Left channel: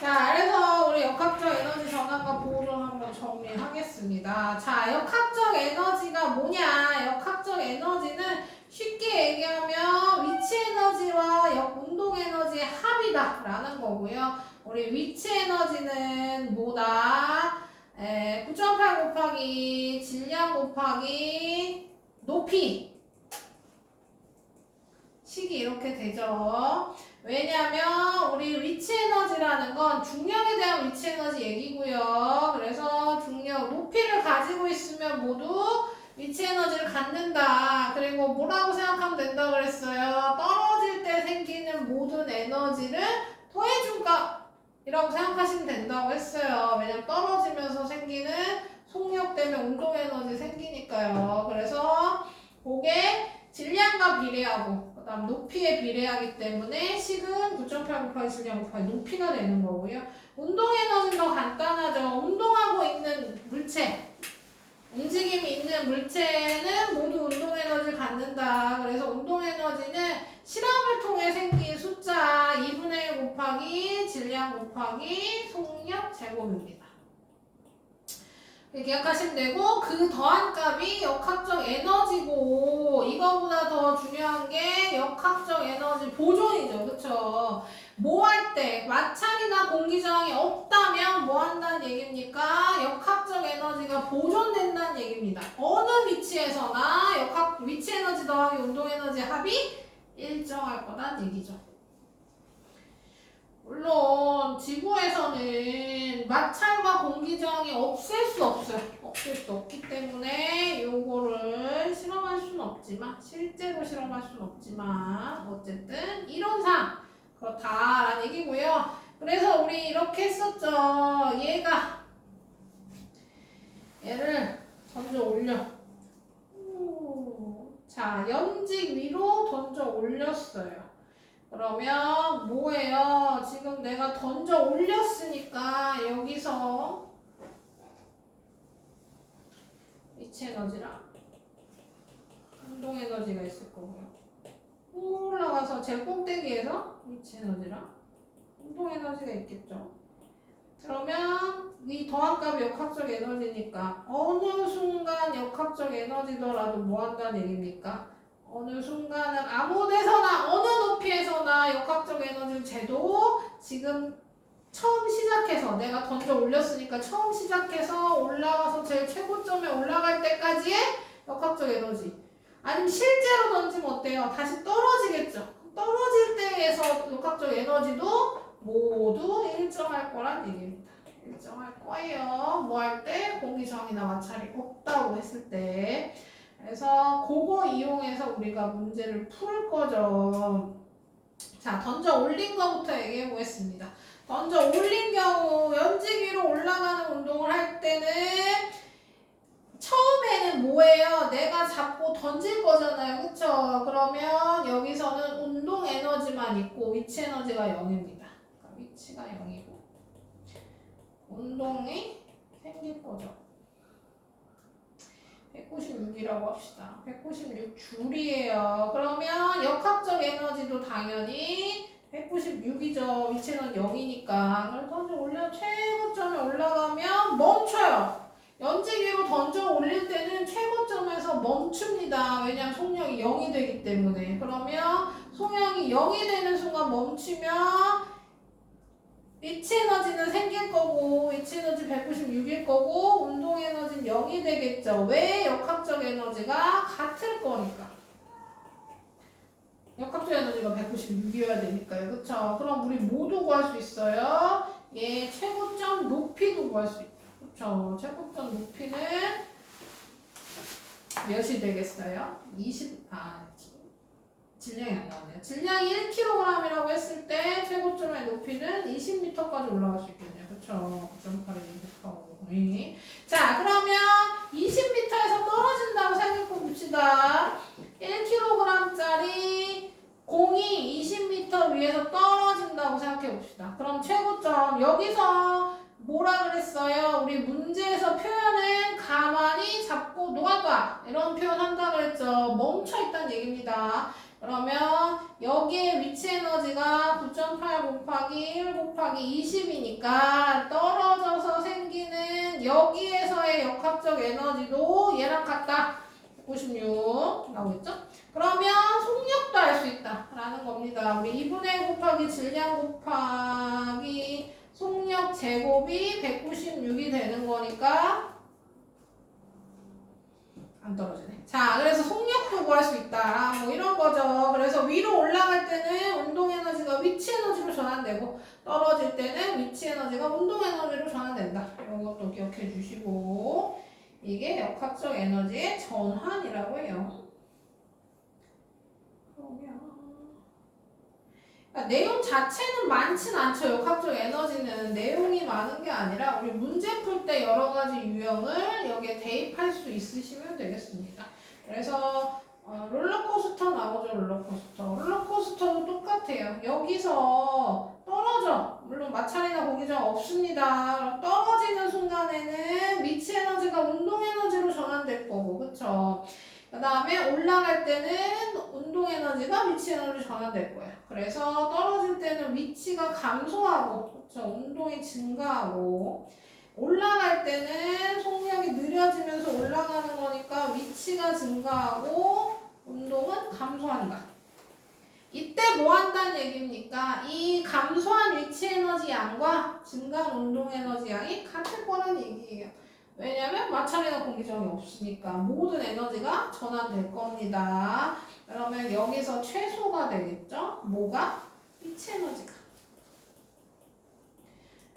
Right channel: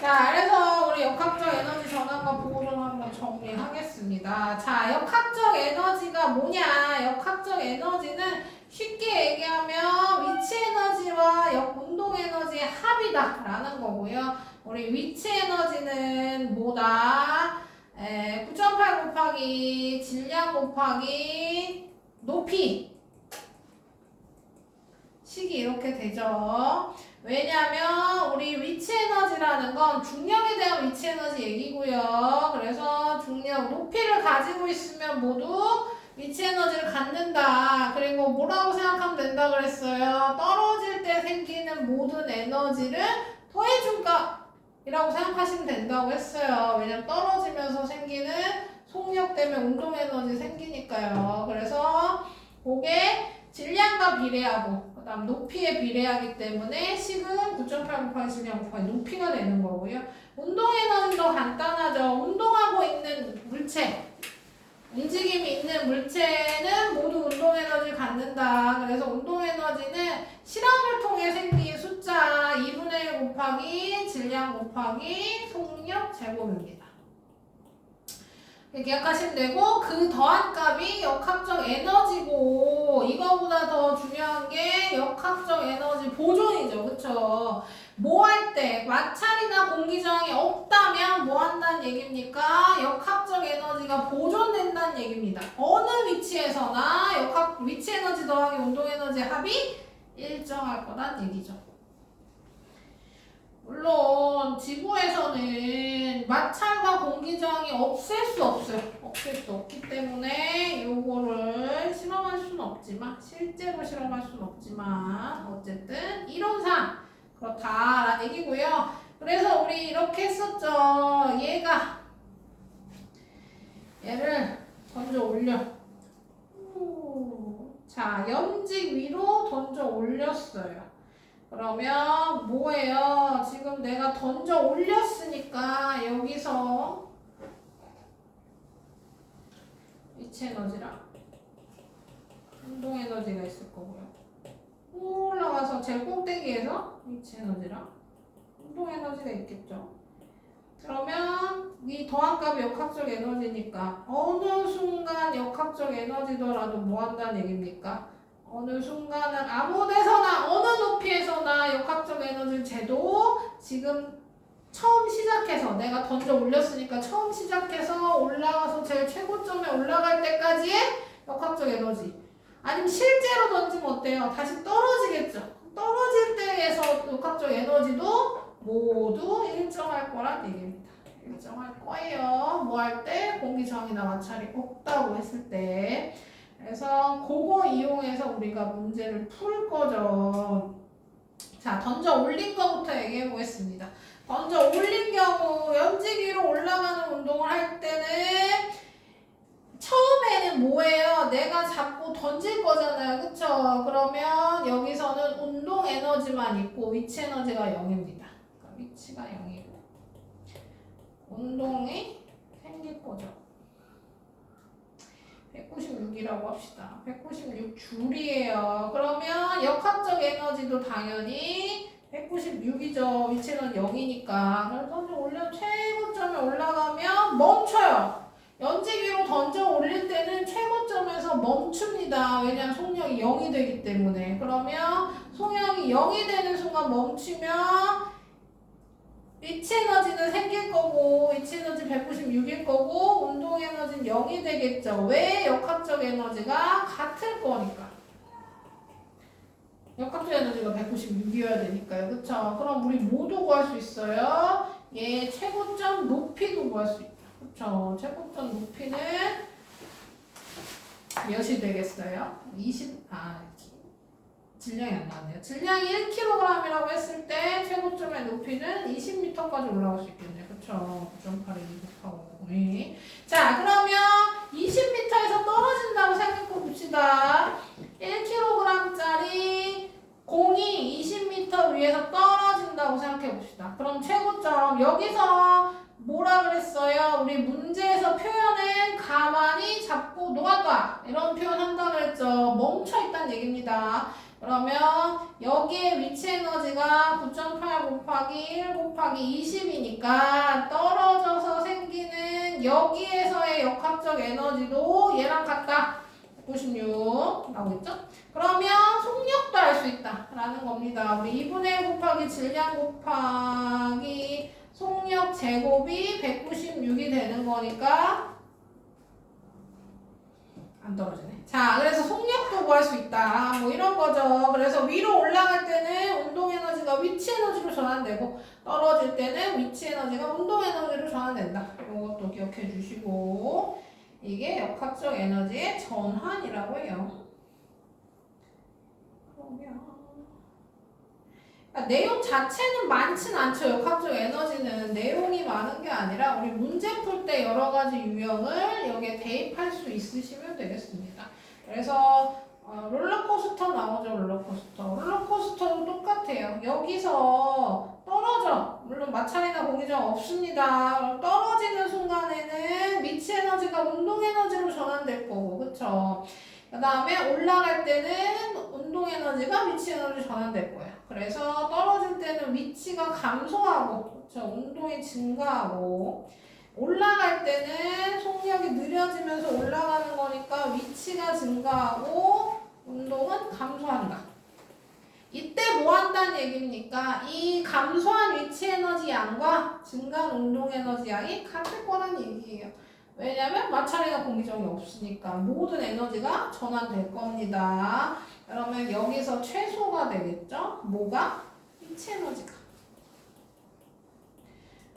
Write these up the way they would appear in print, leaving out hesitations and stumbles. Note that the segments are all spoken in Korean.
자, 그래서 우리 역학적 에너지 전환과 보호전 한번 정리하겠습니다. 자, 역학적 에너지가 뭐냐? 역학적 에너지는 쉽게 얘기하면 위치 에너지와 운동 에너지의 합이다라는 거고요. 우리 위치 에너지는 뭐다? 9.8 곱하기 질량 곱하기 높이 식이 이렇게 되죠. 왜냐면 우리 위치 에너지라는 건 중력에 대한 위치 에너지 얘기고요. 그래서 중력 높이를 가지고 있으면 모두 위치 에너지를 갖는다. 그리고 뭐라고 생각하면 된다 그랬어요. 떨어질 때 생기는 모든 에너지를 더해준 값이라고 생각하시면 된다고 했어요. 왜냐면 떨어지면서 생기는 속력 때문에 운동 에너지 생기니까요. 그래서 그게 질량과 비례하고 그 다음 높이에 비례하기 때문에 식은 9.8 곱하기 질량 곱하기 높이가 되는 거고요. 운동 에너지도 간단하죠. 운동하고 있는 물체, 움직임이 있는 물체는 모두 운동 에너지를 갖는다. 그래서 운동 에너지는 실험을 통해 생긴 숫자 2분의 1 곱하기 질량 곱하기 속력 제곱입니다. 기억하시면 되고, 그 더한 값이 역학적 에너지고, 이거보다 더 중요한 게 역학적 에너지 보존이죠. 그쵸? 뭐 할 때 마찰이나 공기저항이 없다면 뭐 한다는 얘기입니까? 역학적 에너지가 보존된다는 얘기입니다. 어느 위치에서나 위치 에너지 더하기 운동 에너지 합이 일정할 거란 얘기죠. 물론 지구에서는 마찰과 공기저항이 없앨 수 없어요. 없앨 수 없기 때문에 요거를 실험할 수는 없지만, 실제로 실험할 수는 없지만 어쨌든 이론상 그렇다라는 얘기고요. 그래서 우리 이렇게 했었죠. 얘를 던져 올려. 자, 연직 위로 던져 올렸어요. 그러면 뭐예요? 지금 내가 던져 올렸으니까 여기서 위치 에너지랑 운동 에너지가 있을 거고요. 올라가서 제일 꼭대기에서 위치 에너지랑 운동 에너지가 있겠죠. 그러면 이 더한 값이 역학적 에너지니까 어느 순간 역학적 에너지더라도 뭐 한다는 얘기입니까? 어느 순간은 아무 데서나 어느 높이에서나 역학적 에너지를 재도 지금 처음 시작해서 내가 던져 올렸으니까 처음 시작해서 올라가서 제일 최고점에 올라갈 때까지의 역학적 에너지, 아니면 실제로 던지면 어때요? 다시 떨어지겠죠. 떨어질 때에서 역학적 에너지도 모두 일정할 거란 얘기입니다. 일정할 거예요. 뭐 할 때? 공기저항이나 마찰이 없다고 했을 때. 그래서 그거 이용해서 우리가 문제를 풀 거죠. 자, 던져 올린 거부터 얘기해 보겠습니다. 던져 올린 경우 연직 위로 올라가는 운동을 할 때는 처음에는 뭐예요? 내가 잡고 던질 거잖아요. 그쵸? 그러면 여기서는 운동 에너지만 있고 위치 에너지가 0입니다. 그러니까 위치가 0이고 운동이 생길 거죠. 196이라고 합시다. 196줄이에요. 그러면 역학적 에너지도 당연히 196이죠. 위치는 0이니까. 그래서 던져 올려 최고점에 올라가면 멈춰요. 연지기로 던져 올릴 때는 최고점에서 멈춥니다. 왜냐하면 속력이 0이 되기 때문에. 그러면 속력이 0이 되는 순간 멈추면 위치 에너지는 생길 거고, 위치 에너지 196일 거고, 운동 에너지는 0이 되겠죠. 왜? 역학적 에너지가 같을 거니까. 역학적 에너지가 196이어야 되니까요. 그쵸? 그럼 우리 뭐도 구할 수 있어요? 얘 최고점 높이도 구할 수 있죠. 그쵸? 최고점 높이는 몇이 되겠어요? 질량이 안 나왔네요. 질량이 1kg이라고 했을 때 최고점의 높이는 20m까지 올라갈 수 있겠네요. 그쵸? 9.8에 2곱하고. 자, 그러면 20m에서 떨어진다고 생각해 봅시다. 1kg짜리 공이 20m 위에서 떨어진다고 생각해 봅시다. 그럼 최고점, 여기서 뭐라 그랬어요? 우리 문제에서 표현은 가만히 잡고 놓아둬. 이런 표현 한다고 했죠. 멈춰 있다는 얘기입니다. 그러면 여기에 위치 에너지가 9.8 곱하기 1 곱하기 20이니까 떨어져서 생기는 여기에서의 역학적 에너지도 얘랑 같다. 96 나오겠죠? 그러면 속력도 알 수 있다 라는 겁니다. 우리 2분의 1 곱하기 질량 곱하기 속력 제곱이 196이 되는 거니까 안 떨어지네. 자, 그래서 속력도 구할 수 있다. 뭐 이런 거죠. 그래서 위로 올라갈 때는 운동 에너지가 위치 에너지로 전환되고 떨어질 때는 위치 에너지가 운동 에너지로 전환된다. 이것도 기억해 주시고 이게 역학적 에너지의 전환이라고 해요. 그러니까 내용 자체는 많진 않죠. 역학적 에너지는 내용이 많은 게 아니라 우리 문제 풀 때 여러 가지 유형을 여기에 대입할 수 있으시면 되겠습니다. 그래서 롤러코스터 나오죠. 롤러코스터도 똑같아요. 여기서 떨어져. 물론 마찰이나 공기저항 없습니다. 떨어지는 순간에는 미치 에너지가 운동 에너지로 전환될 거고, 그쵸? 그 다음에 올라갈 때는 운동 에너지가 위치 에너지로 전환될 거야. 그래서 떨어질 때는 위치가 감소하고, 그쵸? 운동이 증가하고, 올라갈 때는 속력이 느려지면서 올라가는 거니까 위치가 증가하고, 운동은 감소한다. 이때 뭐 한다는 얘기입니까? 이 감소한 위치 에너지 양과 증가한 운동 에너지 양이 같을 거라는 얘기예요. 왜냐면 마찰이나 공기저항이 없으니까 모든 에너지가 전환될 겁니다. 그러면 여기서 최소가 되겠죠? 뭐가? 위치 에너지가.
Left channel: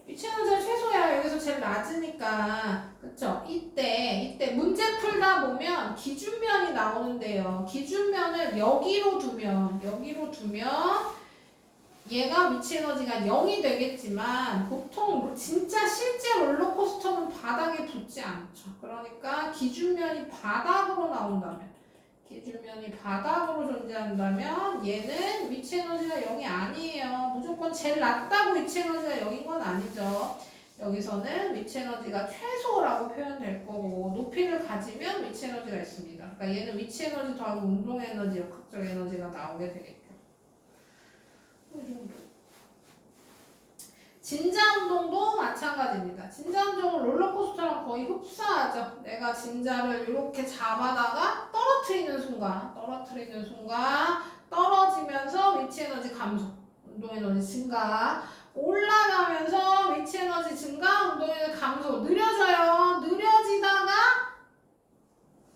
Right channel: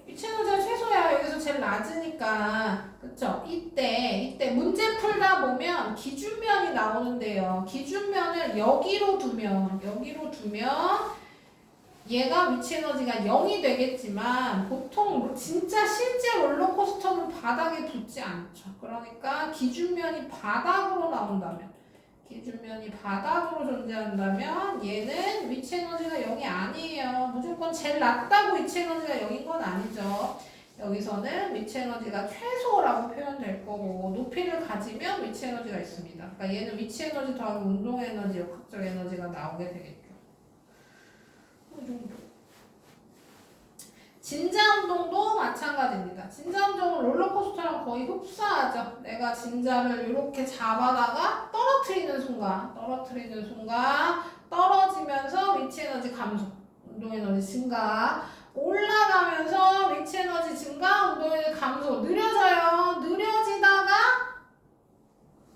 위치 에너지가 최소야. 여기서 제일 낮으니까. 그쵸? 이때 문제 풀다 보면 기준면이 나오는데요. 기준면을 여기로 두면 얘가 위치 에너지가 0이 되겠지만 보통 진짜 실제 롤러코스터는 바닥에 붙지 않죠. 그러니까 기준면이 바닥으로 나온다면 기준면이 바닥으로 존재한다면 얘는 위치 에너지가 0이 아니에요. 무조건 제일 낮다고 위치 에너지가 0인 건 아니죠. 여기서는 위치 에너지가 최소라고 표현될 거고 높이를 가지면 위치 에너지가 있습니다. 그러니까 얘는 위치 에너지 더하기 운동 에너지, 역학적 에너지가 나오게 되겠죠. 진자 운동도 마찬가지입니다. 진자 운동은 롤러코스터랑 거의 흡사하죠. 내가 진자를 이렇게 잡아다가 떨어뜨리는 순간 떨어지면서 위치 에너지 감소, 운동 에너지 증가, 올라가면서 위치 에너지 증가, 운동 에너지 감소, 느려지다가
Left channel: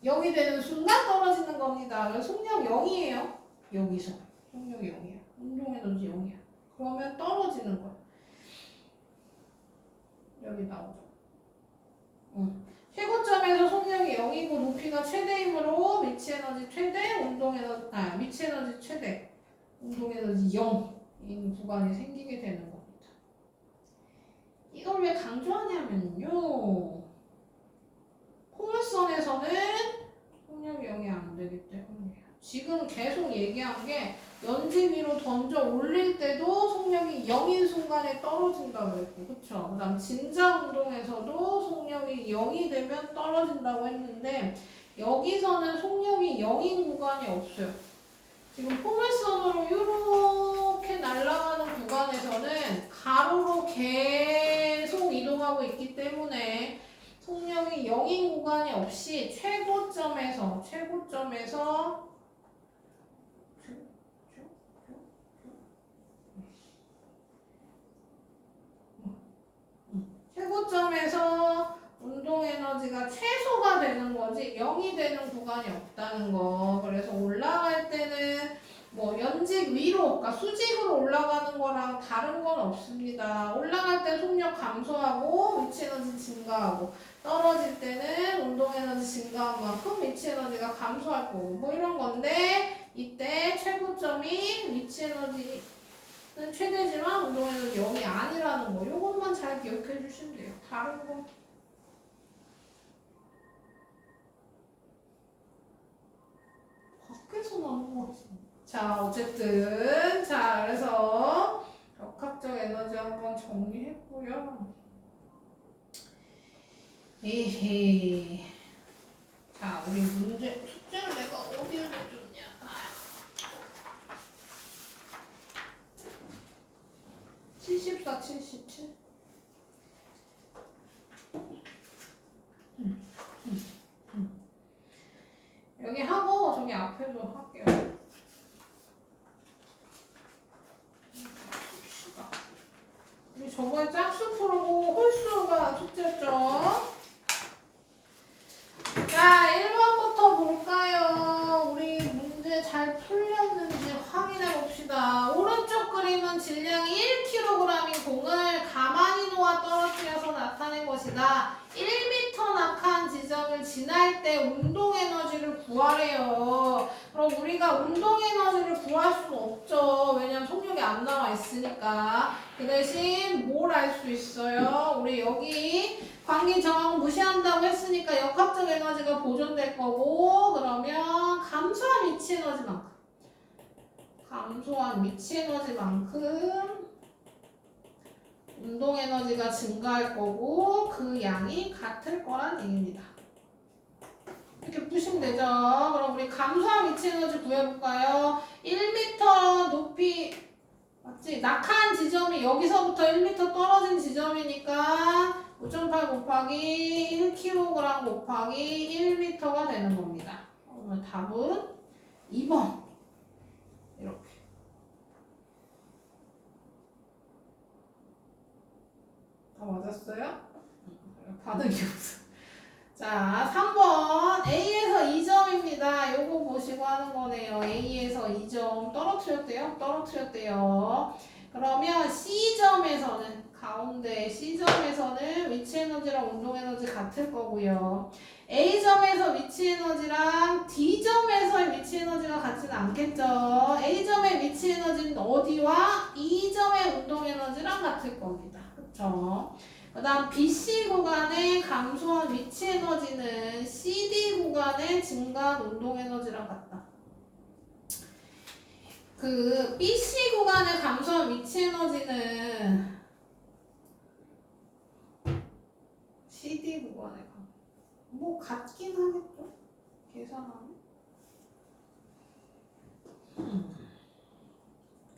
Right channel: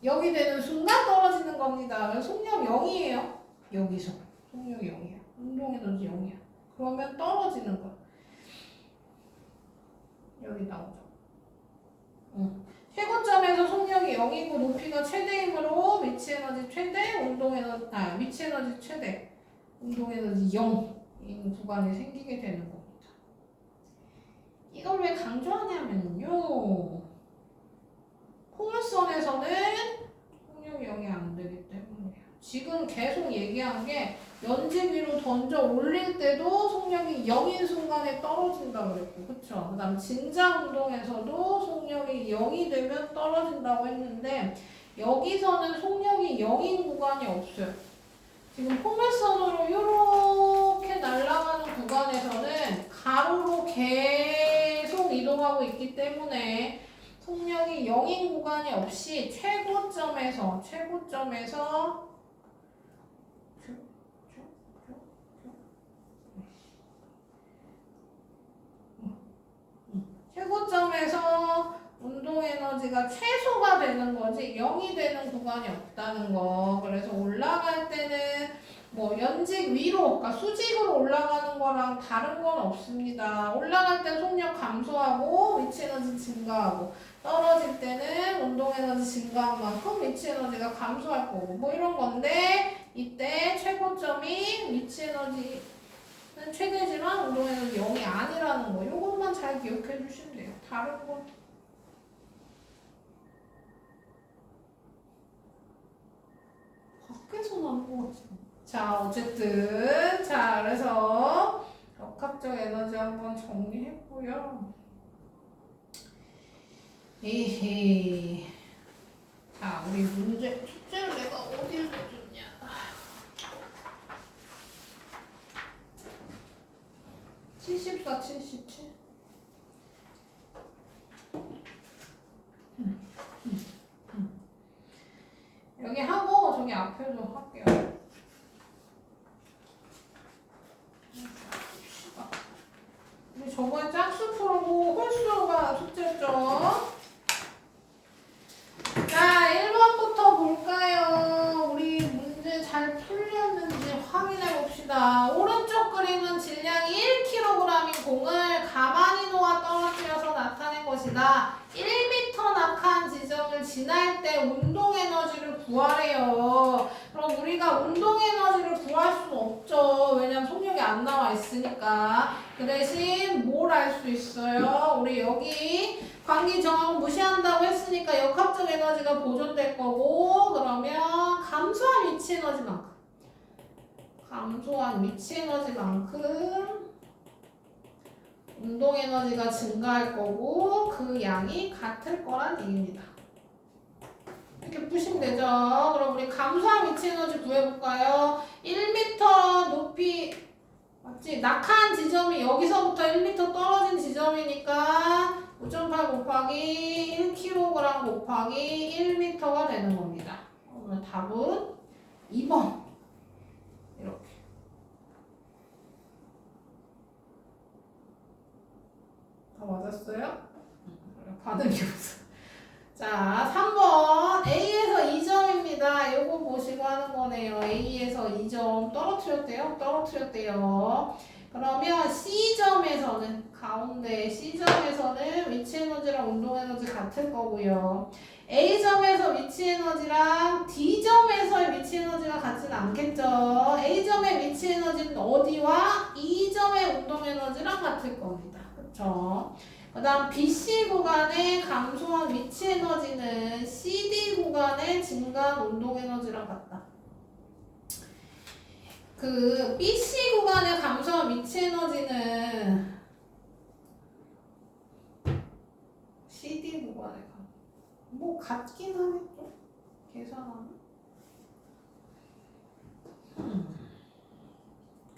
여기 되는 순간 떨어지는 겁니다. 그래서 속력 0이에요. 여기서 속력 0이에요. 운동 에너지 0이야. 그러면 떨어지는 거야. 여기 나오죠. 최고점에서 속력이 0이고 높이가 최대이므로 위치 에너지 최대, 위치 에너지 최대, 운동 에너지 0인 구간이 생기게 되는 겁니다. 이걸 왜 강조하냐면요. 포물선에서는 속력이 0이 안 되기 때문이에요. 지금 계속 얘기한 게 연지 위로 던져 올릴 때도 속력이 0인 순간에 떨어진다고 그랬고, 그쵸? 그 다음 진자 운동에서도 속력이 0이 되면 떨어진다고 했는데 여기서는 속력이 0인 구간이 없어요. 지금 포물선으로 이렇게 날아가는 구간에서는 가로로 계속 이동하고 있기 때문에 속력이 0인 구간이 없이 최고점에서 운동 에너지가 최소가 되는 거지 0이 되는 구간이 없다는 거. 그래서 올라갈 때는 뭐 연직 위로, 그러니까 수직으로 올라가는 거랑 다른 건 없습니다. 올라갈 때 속력 감소하고 위치 에너지 증가하고 떨어질 때는 운동 에너지 증가한 만큼 위치 에너지가 감소할 거고 뭐 이런 건데 이때 최고점이 위치 에너지는 최대지만 운동 에너지 0이 아니라는 거. 이것만 잘 기억해 주시면 돼요. 다른 거 밖에서 나는 거 같은데. 자, 어쨌든 그래서 역학적 에너지 한번 정리했고요. 에헤. 자, 우리 숙제를 내가 어디에 줬냐? 74, 77. 여기 하고 저기 앞에도 할게요. 우리 저번에 짝수 풀고 홀수가 숙제였죠? 자, 1번부터 볼까요? 우리 문제 잘 풀렸는지 확인해 봅시다. 오른쪽 그림은 질량이 1kg인 공을 가만히 놓아 떨어뜨려서 나타낸 것이다. 1m 낙한 지점을 지날 때 운동 에너지를 구하래요. 그럼 우리가 운동 에너지를 구할 수 없죠. 왜냐면 속력이 안 나와 있으니까. 그 대신 뭘 알 수 있어요? 우리 여기 관계 정항 무시한다고 했으니까 역학적 에너지가 보존될 거고, 그러면 감소한 위치 에너지만큼 운동 에너지가 증가할 거고 그 양이 같을 거란 얘기입니다. 이렇게 푸시면 되죠. 그럼 우리 감소한 위치 에너지 구해볼까요? 1m 높이 맞지? 낙한 지점이 여기서부터 1m 떨어진 지점이니까 5.8 곱하기 1kg 곱하기 1m가 되는 겁니다. 그러면 답은 2번. 이렇게. 다 맞았어요? 반응이 없어. 자, 3번. A에서 2점입니다. 요거 보시고 하는 거네요. A에서 2점 떨어뜨렸대요. 그러면 C점에서는 가운데 C점에서는 위치 에너지랑 운동 에너지 같을 거고요. A점에서 위치 에너지랑 D점에서의 위치 에너지가 같지는 않겠죠. A점의 위치 에너지는 어디와 E점의 운동 에너지랑 같을 겁니다. 그렇죠? 그 다음 BC 구간의 감소한 위치 에너지는 CD 구간의 증가한 운동 에너지랑 같다. 그 BC 구간의 감소한 위치 에너지는 CD 구간의 뭐 같긴 하겠죠? 계산하면.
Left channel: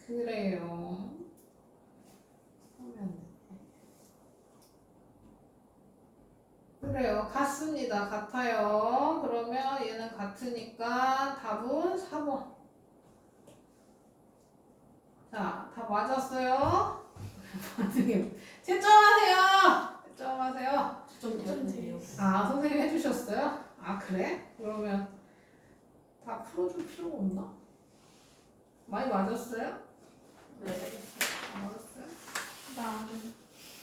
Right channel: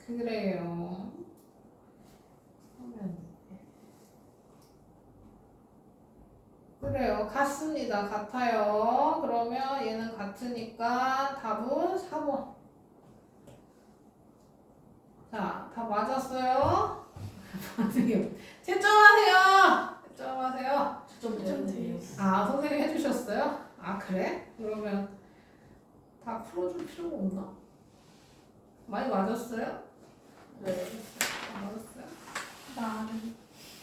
그래요. 그래요. 같습니다. 같아요. 그러면 얘는 같으니까 답은 4번. 자, 다 맞았어요? 채점하세요. 채점하세요. 아, 선생님 해주셨어요? 아, 그래? 그러면 다 풀어줄 필요가 없나? 많이 맞았어요? 네. 다 맞았어요?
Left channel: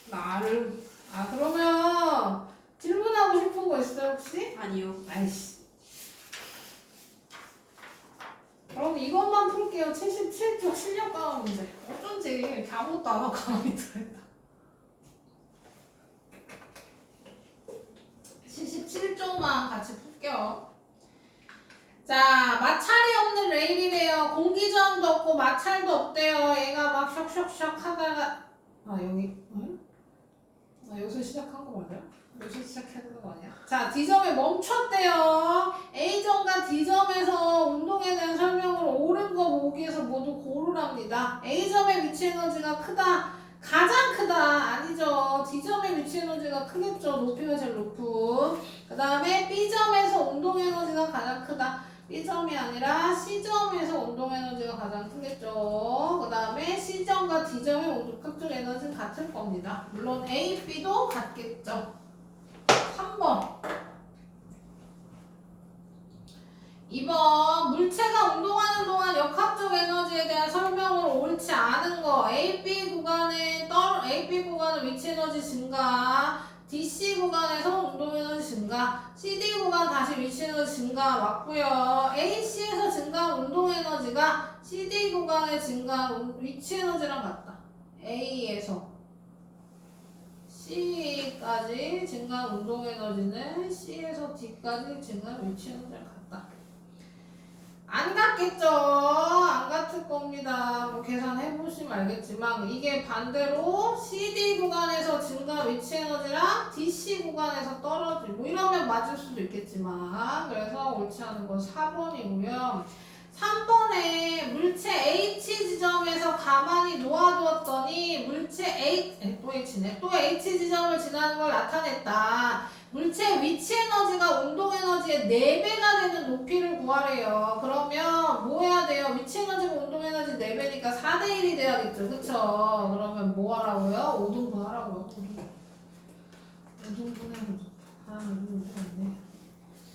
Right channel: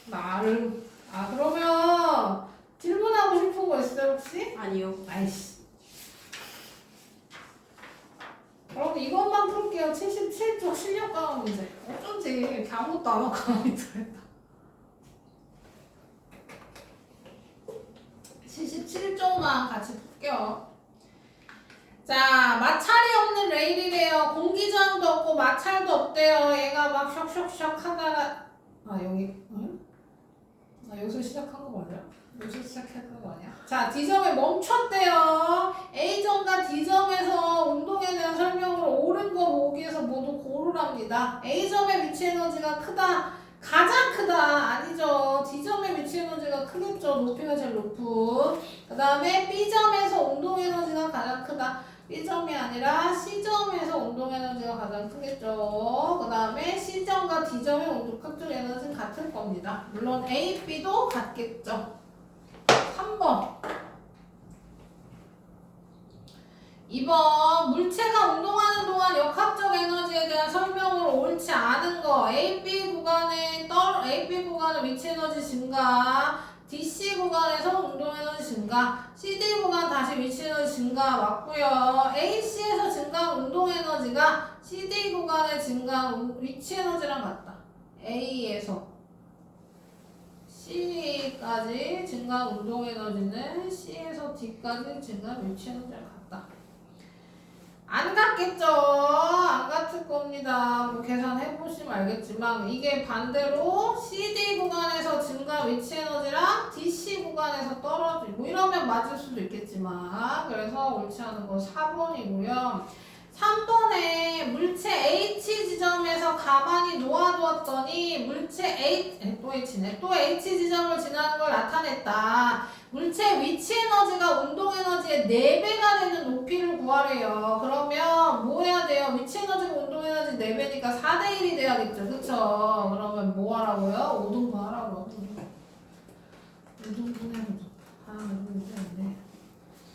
나를. 아, 그러면 질문하고 싶은 거 있어요, 혹시? 아니요. 아이씨. 그럼 이것만 풀게요. 77쪽 실력 강화 문제. 어쩐지 이렇게 아무것도 안 하고 가만히 들어있다. 77쪽만 같이 풀게요. 자, 마찰이 없는 레일이래요. 공기저항도 없고 마찰도 없대요. 얘가 막 샥샥샥 하다가 여기 여기서 시작한 거 맞아? 여기서 시작했던 거 아니야? 자, D점에 멈췄대요. A점과 D점에서 운동에 대한 설명을 옳은 거 보기 위해서 모두 고르랍니다. A점의 위치 에너지가 크다. 가장 크다. 아니죠. D점의 위치 에너지가 크겠죠. 높이가 제일 높은. 그 다음에 B점에서 운동 에너지가 가장 크다. B점이 아니라 C점에서 운동 에너지가 가장 크겠죠. 그 다음에 C점과 D점의 운동각적 에너지는 같을 겁니다. 물론 A, B도 같겠죠. 3번. 2번. 물체가 운동하는 동안 역학적 에너지에 대한 설명으로 옳지 않은 거. AB 구간의 위치 에너지 증가. DC 구간에서 운동 에너지 증가. CD 구간 다시 위치 에너지 증가 맞고요. AC에서 증가한 운동 에너지가 CD 구간의 증가한 위치 에너지랑 같다. A에서 C까지 증가한 운동 에너지는 C에서 D까지 증가한 위치 에너지랑 같다. 안 같겠죠? 안 같을 겁니다. 뭐 계산해보시면 알겠지만 이게 반대로 CD 구간에서 증가 위치 에너지랑 DC 구간에서 떨어지고 이러면 맞을 수도 있겠지만 그래서 옳지 않은 건 4번이고요. 3번에 물체 H 지점에서 가만히 놓아두었더니 물체 또 H네. 또 H 지점을 지나는 걸 나타냈다. 물체 위치 에너지가 운동 에너지의 4배가 되는 높이를 구하래요. 그러면 뭐 해야 돼요? 위치 에너지가 운동 에너지 4배니까 4대1이 돼야겠죠. 그쵸? 그러면 뭐 하라고요? 5등분 하라고요. 5등분 해보자.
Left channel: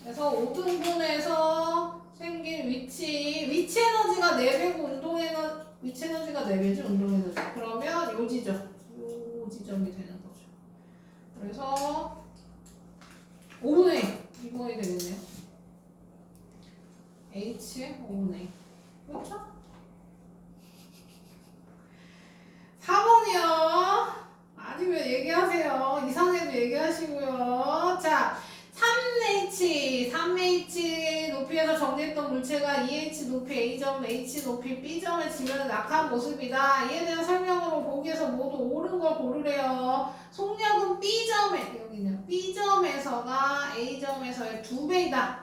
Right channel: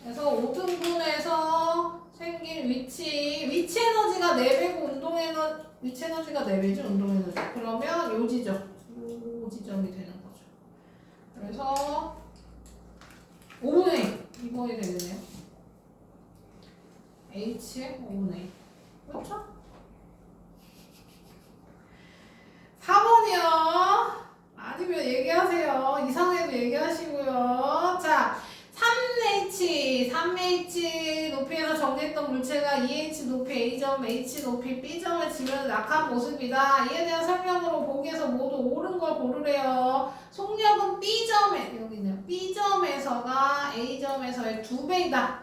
그래서 5등분에서 생긴 위치 에너지가 4배고 위치 에너지가 4배죠. 운동 에너지. 그러면 요 지점이 되는 거죠. 그래서 5분의 2번이 되겠네요. H 5분의 2. 그렇죠? 4번이요. 아니면 얘기하세요. 이상해도 얘기하시고요. 자, 3H 높이에서 정리했던 물체가 2H 높이 A점, H 높이 B점을 지면 낙한 모습이다. 이에 대한 설명으로 보기에서 모두 옳은 걸 고르래요. 속력은 여기는 B점에서가 A점에서의 2배이다.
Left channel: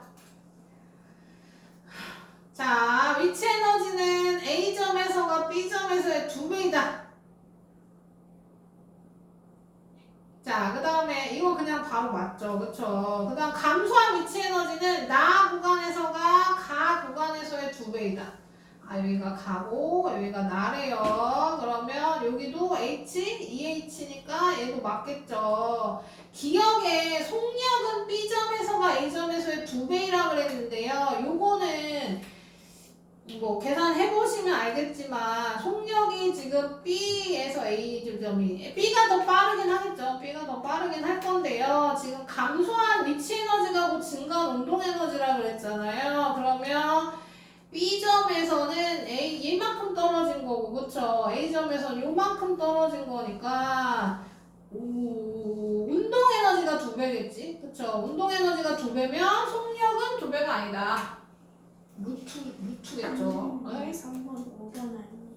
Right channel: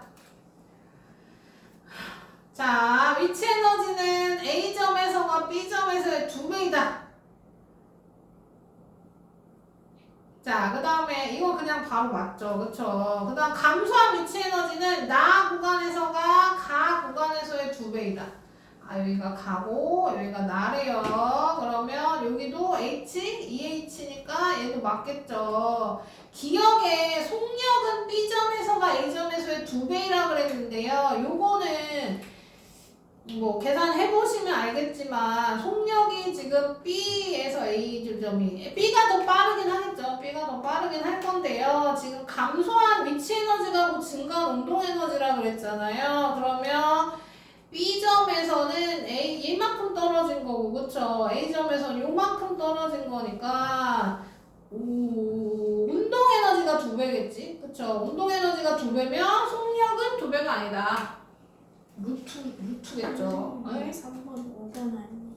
자, 위치 에너지는 A점에서가 B점에서의 2배이다. 자, 그 다음에 이거 그냥 바로 맞죠. 그쵸? 그 다음 감소한 위치 에너지는 나 구간에서가 가 구간에서의 2배이다. 아, 여기가 가고 여기가 나래요. 그러면 여기도 H, 2H니까 얘도 맞겠죠. 기억에 속력은 B점에서가 A점에서의 2배이라 그랬는데요. 요거는 뭐 계산해보시면 알겠지만 속력이 지금 B에서 A 지점이 B가 더 빠르긴 하겠죠. B가 더 빠르긴 할 건데요. 지금 감소한 위치 에너지가 곧 증가한 운동 에너지라 그랬잖아요. 그러면 B점에서는 얘만큼 떨어진 거고, 그쵸? A점에서는 요만큼 떨어진 거니까 운동 에너지가 2배겠지? 그쵸? 운동 에너지가 2배면 속력은 2배가 아니다. 루트겠죠. 3번, 5번 아니에요?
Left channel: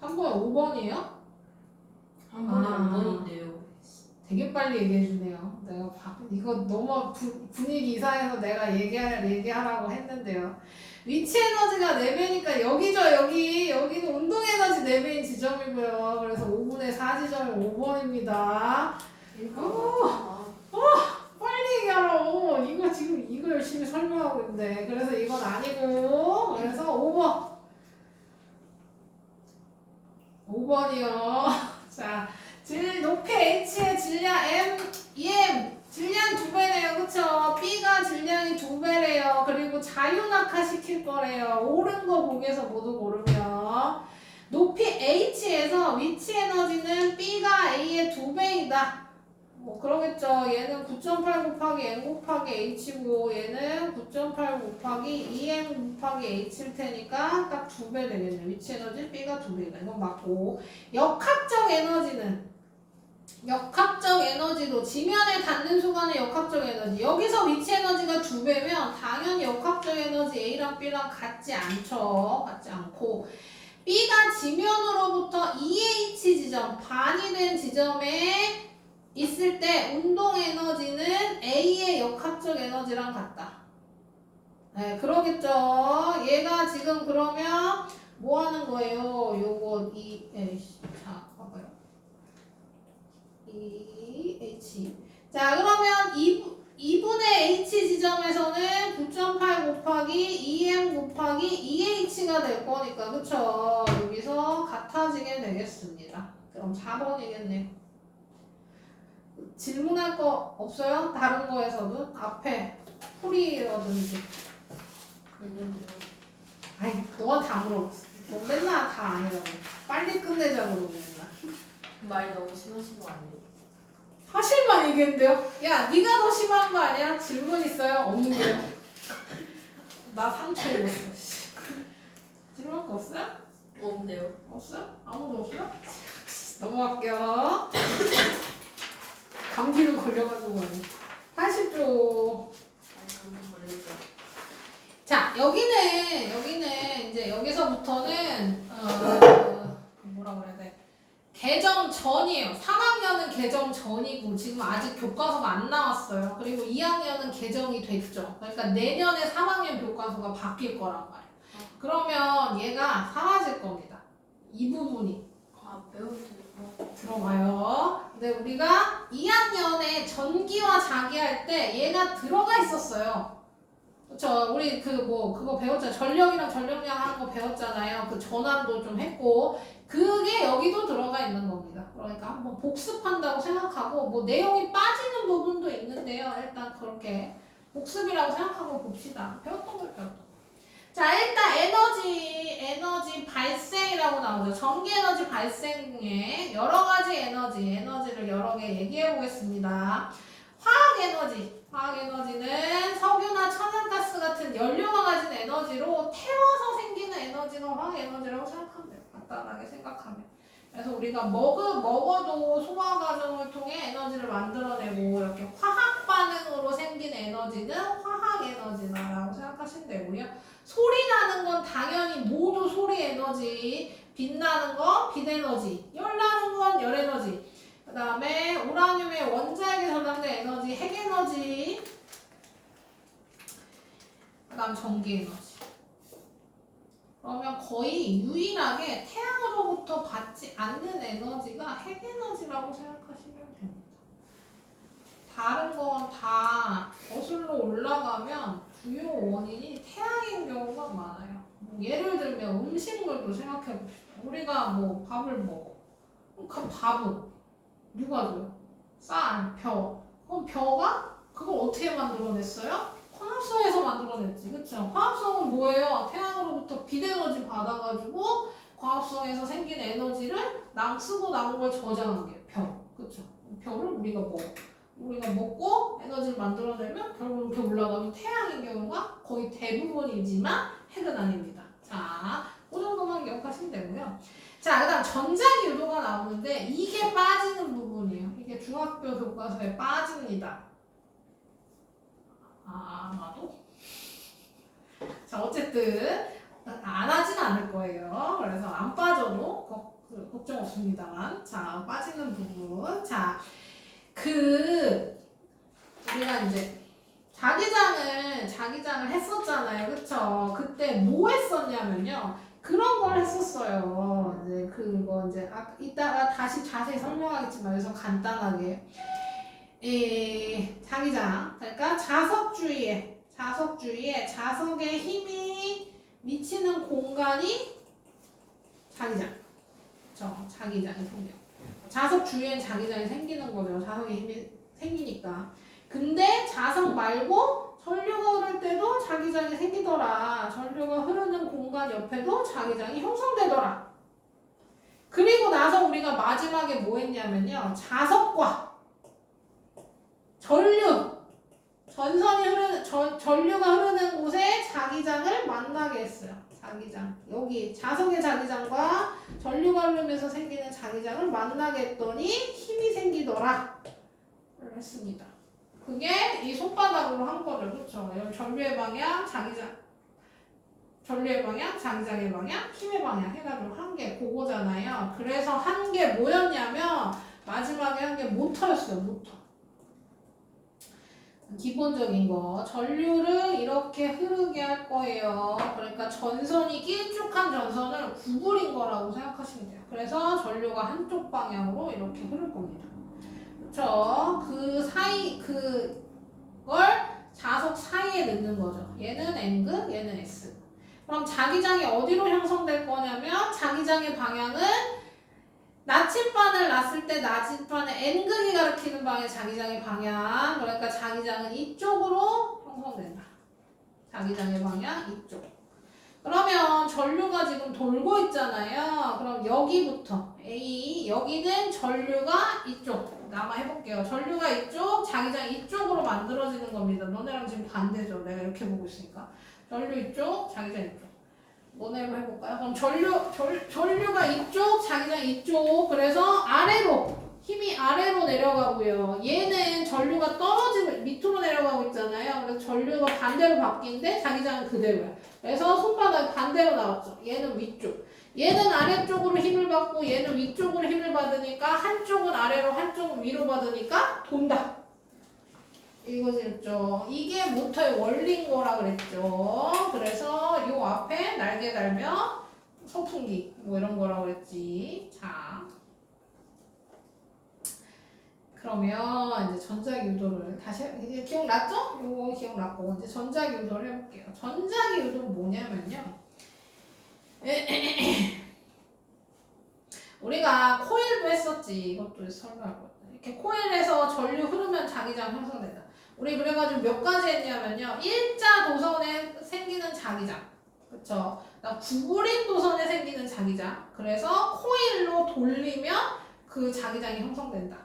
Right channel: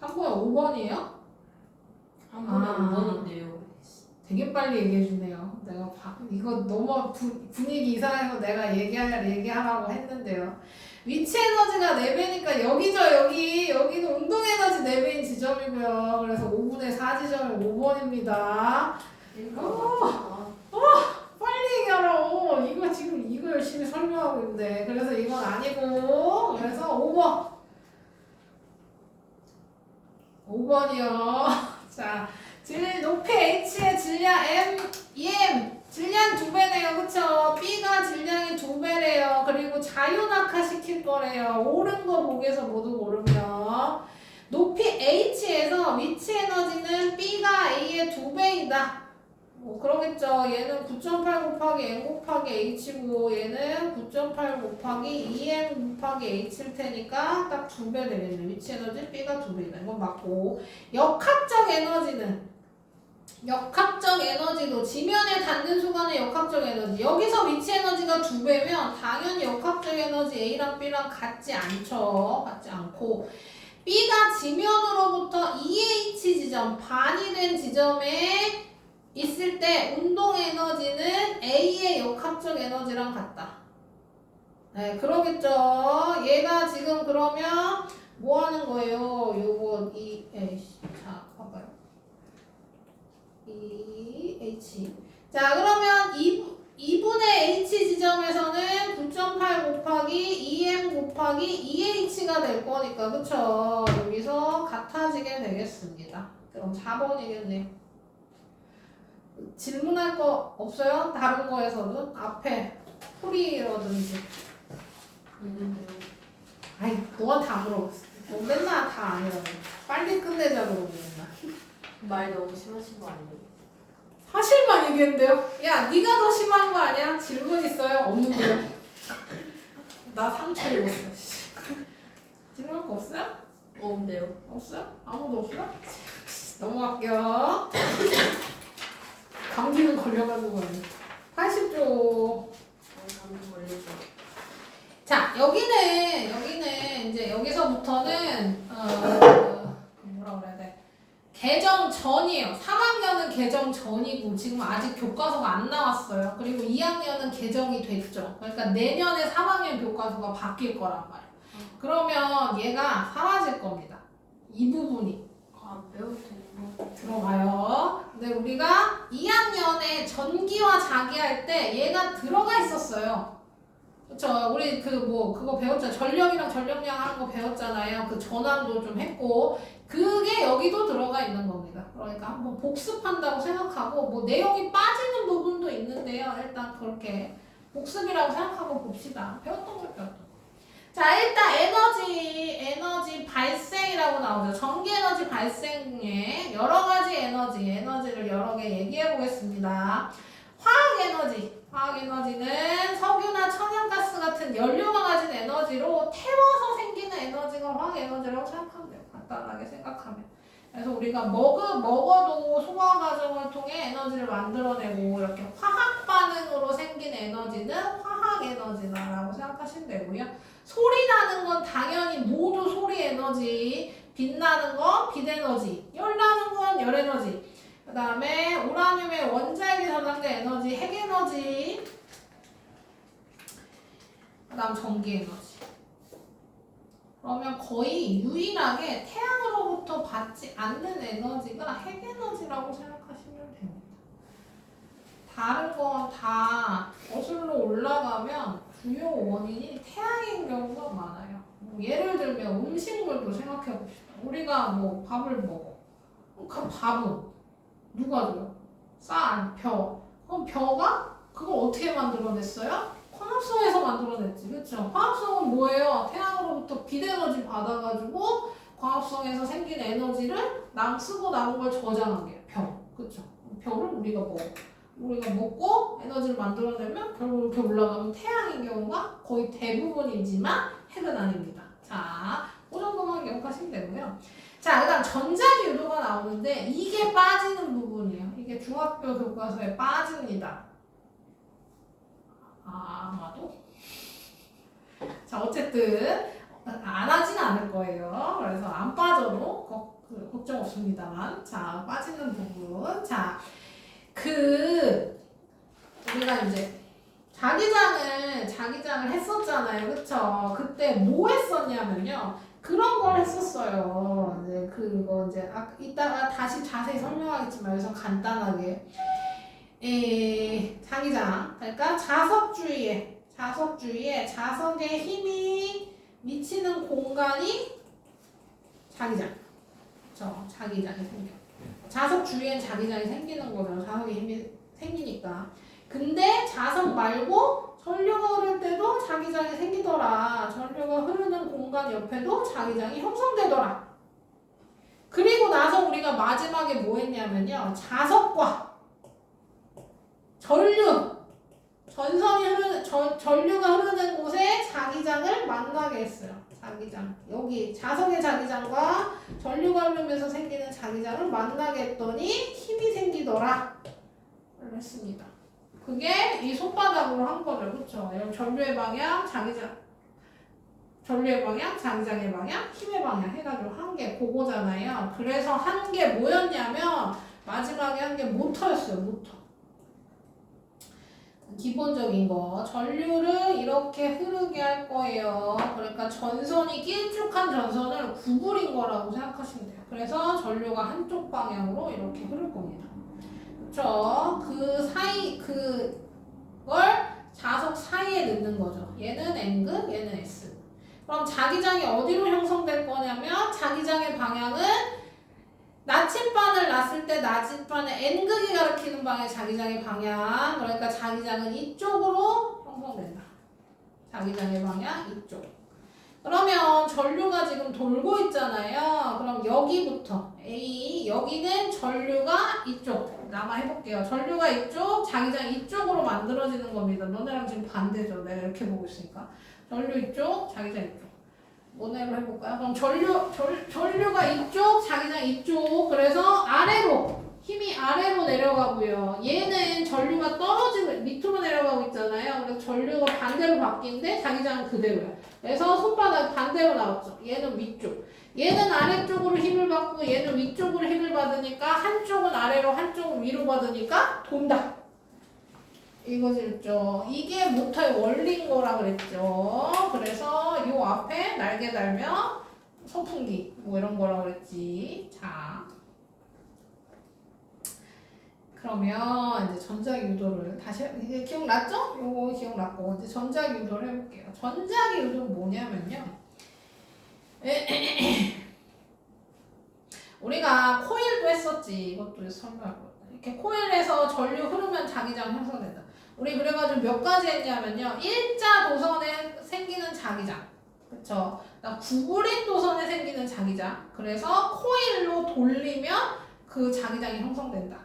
3번에 5번이에요? 한 번에 5번인데요. 되게 빨리 얘기해주네요. 내가 이거 너무 분위기 이상해서 내가 얘기하라고 했는데요. 위치 에너지가 4배니까 여기는 운동 에너지 4배인 지점이고요. 그래서 5분의 4 지점이 5번입니다. 빨리 얘기하라고. 이거 지금 이거 열심히 설명하고 있는데. 그래서 이건 아니고. 그래서 5번이요. 자, 높이 H의 질량 EM 질량 2배래요. 그쵸? B가 질량이 2배래요. 그리고 자유낙하 시킬 거래요. 옳은 거 보기에서 모두 고르면 높이 H에서 위치 에너지는 B가 A의 2배이다. 뭐 그러겠죠. 얘는 9.8 곱하기 M 곱하기 H고 얘는 9.8 곱하기 2M 곱하기 H일 테니까 딱 2배 되겠네. 위치 에너지 B가 2배이다. 이건 맞고 역학적 에너지도 지면에 닿는 순간의 역학적 에너지. 여기서 위치 에너지가 2배면 당연히 역학적 에너지 A랑 B랑 같지 않죠. 같지 않고 B가 지면으로부터 2H 지점, 반이 된 지점에 있을 때 운동 에너지는 A의 역학적 에너지랑 같다. 네, 그러겠죠. 얘가 지금 그러면 뭐 하는 거예요? 요거 자, 봐봐요. H. 자, 그러면 2분의 H 지점에서는 9.8 곱하기 2M 곱하기 2H가 될 거니까, 그쵸? 여기서 같아지게 되겠습니다. 그럼 4번이겠네요. 질문할 거 없어요? 다른 거에서도? 앞에 풀이라든지. 있는데요. 아이, 그건 다 물어봤어. 너 맨날 다 아니라고. 빨리 끝내자 그러고 맨날. 말 너무 심하신 거 아니에요? 사실만 얘기했는데요? 야, 네가 더 심한 거 아니야? 질문 있어요? 없는데요? 나 상처 입었어. 질문할 거 없어요? 없는데요. 없어요? 아무도 없어요? 넘어갈게요. 감기는 걸려가지고 80조. 한번 걸리죠. 자, 여기는 이제 여기서부터는 뭐라 그래야 돼? 개정 전이에요. 3학년은 개정 전이고 지금 아직 교과서가 안 나왔어요. 그리고 2학년은 개정이 됐죠. 그러니까 내년에 3학년 교과서가 바뀔 거란 말이에요. 그러면 얘가 사라질 겁니다. 이 부분이 배울 때 뭐. 들어가요. 근데 우리가 2학년에 전기와 자기 할 때 얘가 들어가 있었어요. 그쵸? 우리 그거 배웠잖아요. 전력이랑 전력량 하는 거 배웠잖아요. 그 전환도 좀 했고 그게 여기도 들어가 있는 겁니다. 그러니까 한번 복습한다고 생각하고 뭐 내용이 빠지는 부분도 있는데요. 일단 그렇게 복습이라고 생각하고 봅시다. 배웠던 걸 배웠던 거. 자, 일단 에너지 발생이라고 나오죠. 전기 에너지 발생에 여러 가지 에너지를 여러 개 얘기해 보겠습니다. 화학 에너지는 석유나 천연가스 같은 연료가 가진 에너지로 태워서 생기는 에너지가 화학 에너지라고 생각하면 돼요. 간단하게 생각하면. 그래서 우리가 먹어도 소화 과정을 통해 에너지를 만들어내고 이렇게 화학 반응으로 생긴 에너지는 화학 에너지다라고 생각하시면 되고요. 소리 나는 건 당연히 모두 소리 에너지, 빛나는 건 빛 에너지, 열 나는 건 열 에너지. 그 다음에 우라늄의 원자에게 저장된 에너지, 핵 에너지. 그 다음 전기 에너지. 그러면 거의 유일하게 태양으로부터 받지 않는 에너지가 핵 에너지라고 생각하시면 됩니다. 다른 건 다 거슬러 올라가면 주요 원인이 태양인 경우가 많아요. 뭐 예를 들면 음식물도 생각해 봅시다. 우리가 뭐 밥을 먹어. 그 밥은 누가 줘요? 쌀, 벼. 그럼 벼가 그걸 어떻게 만들어냈어요? 화합성에서 만들어냈지. 그쵸? 화합성은 뭐예요? 태양으로부터 빛 에너지 받아가지고 화합성에서 생긴 에너지를 쓰고 남은 걸 저장한 게 벼. 그쵸? 벼를 우리가 먹고 에너지를 만들어내면 결국 이렇게 올라가면 태양인 경우가 거의 대부분이지만 핵은 아닙니다. 자, 그 정도만 기억하시면 되고요. 자, 그 다음 전자기유도가 나오는데 이게 빠지는 부분이에요. 이게 중학교 교과서에 빠집니다. 아마도? 자, 어쨌든 안 하진 않을 거예요. 그래서 안 빠져도 걱정 없습니다만. 자, 빠지는 부분. 자, 우리가 이제 자기장을 했었잖아요. 그쵸? 그때 뭐 했었냐면요. 그런 걸 했었어요. 이제 그거 이따가 다시 자세히 설명하겠지만 여기서 간단하게. 자기장. 그러니까 자석주위에 자석의 힘이 미치는 공간이 자기장. 그쵸? 자기장이 생겨요. 자석 주위엔 자기장이 생기는 거죠. 자석의 힘이 생기니까. 근데 자석 말고 전류가 흐를 때도 자기장이 생기더라. 전류가 흐르는 공간 옆에도 자기장이 형성되더라. 그리고 나서 우리가 마지막에 뭐 했냐면요. 자석과 전류가 흐르는 곳에 자기장을 만나게 했어요. 자기장. 여기 자석의 자기장과 전류가 흐르면서 생기는 자기장을 만나게 했더니 힘이 생기더라. 를 했습니다. 그게 이 손바닥으로 한 거죠. 그렇죠? 전류의 방향, 전류의 방향, 자기장의 방향, 힘의 방향 해가지고 한 게 그거잖아요. 그래서 한 게 뭐였냐면 마지막에 한 게 모터였어요. 모터. 기본적인 거. 전류를 이렇게 흐르게 할 거예요. 그러니까 전선이 길쭉한 전선을 구부린 거라고 생각하시면 돼요. 그래서 전류가 한쪽 방향으로 이렇게 흐를 겁니다. 그쵸? 그걸 자석 사이에 넣는 거죠. 얘는 N극, 얘는 S. 그럼 자기장이 어디로 형성될 거냐면 자기장의 방향은 나침반을 놨을 때 나침반의 N극이 가리키는 방향 자기장의 방향. 그러니까 자기장은 이쪽으로 형성된다. 자기장의 방향 이쪽. 그러면 전류가 지금 돌고 있잖아요. 그럼 여기부터 A, 여기는 전류가 이쪽. 나만 해볼게요. 전류가 이쪽, 자기장 이쪽으로 만들어지는 겁니다. 너네랑 지금 반대죠. 내가 이렇게 보고 있으니까. 전류 이쪽, 자기장 이쪽. 너네로 해볼까요? 그럼 전류가 이쪽, 자기장 이쪽. 그래서 힘이 아래로 내려가고요. 얘는 전류가 떨어지고 밑으로 내려가고 있잖아요. 그래서 전류가 반대로 바뀌는데 자기장은 그대로예요. 그래서 손바닥 반대로 나왔죠. 얘는 위쪽. 얘는 아래쪽으로 힘을 받고 얘는 위쪽으로 힘을 받으니까 한쪽은 아래로 한쪽은 위로 받으니까 돈다. 이거죠. 이게 모터의 원리인 거라 그랬죠. 그래서 요 앞에 날개 달면 선풍기 뭐 이런 거라 그랬지. 자, 그러면 이제 전자기 유도를 다시 이제 기억났죠? 요거 기억났고 이제 전자기 유도를 해볼게요. 전자기 유도가 뭐냐면요. 우리가 코일도 했었지. 이것도 설명할 거야. 이렇게 코일에서 전류 흐르면 자기장 형성된다. 우리 그래가지고 몇 가지 했냐면요. 일자 도선에 생기는 자기장. 그쵸? 구부린 도선에 생기는 자기장. 그래서 코일로 돌리면 그 자기장이 형성된다.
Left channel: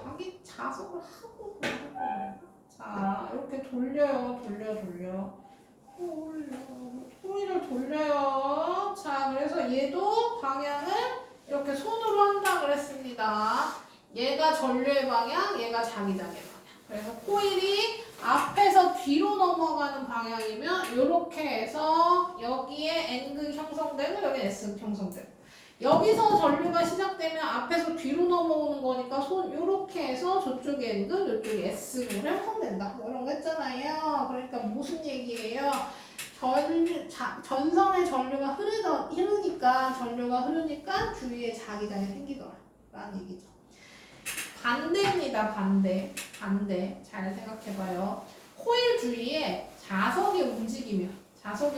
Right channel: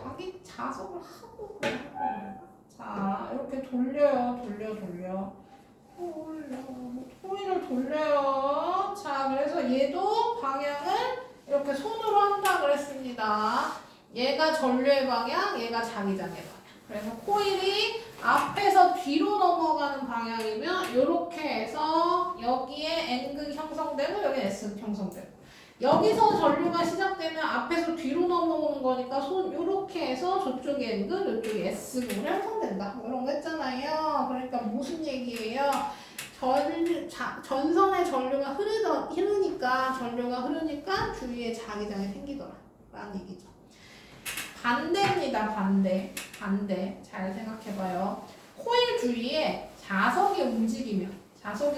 자기 자석을 하고 그러는 거예요. 자, 이렇게 돌려요. 돌려. 코일을 돌려요. 자, 그래서 얘도 방향을 이렇게 손으로 한다 그랬습니다. 얘가 전류의 방향, 얘가 자기장의 방향. 그래서 코일이 앞에서 뒤로 넘어가는 방향이면 이렇게 해서 여기에 N극 형성되고 여기에 S극 형성되고 여기서 전류가 시작되면 앞에서 뒤로 넘어오는 거니까 손 이렇게 해서 저쪽에 N극, 이쪽에 S극으로 형성된다. 뭐 이런 거 했잖아요. 그러니까 무슨 얘기예요? 전선에 전류가 흐르니까 주위에 자기장이 생기더라 라는 얘기죠. 반대입니다. 반대. 잘 생각해봐요. 코일 주위에 자석이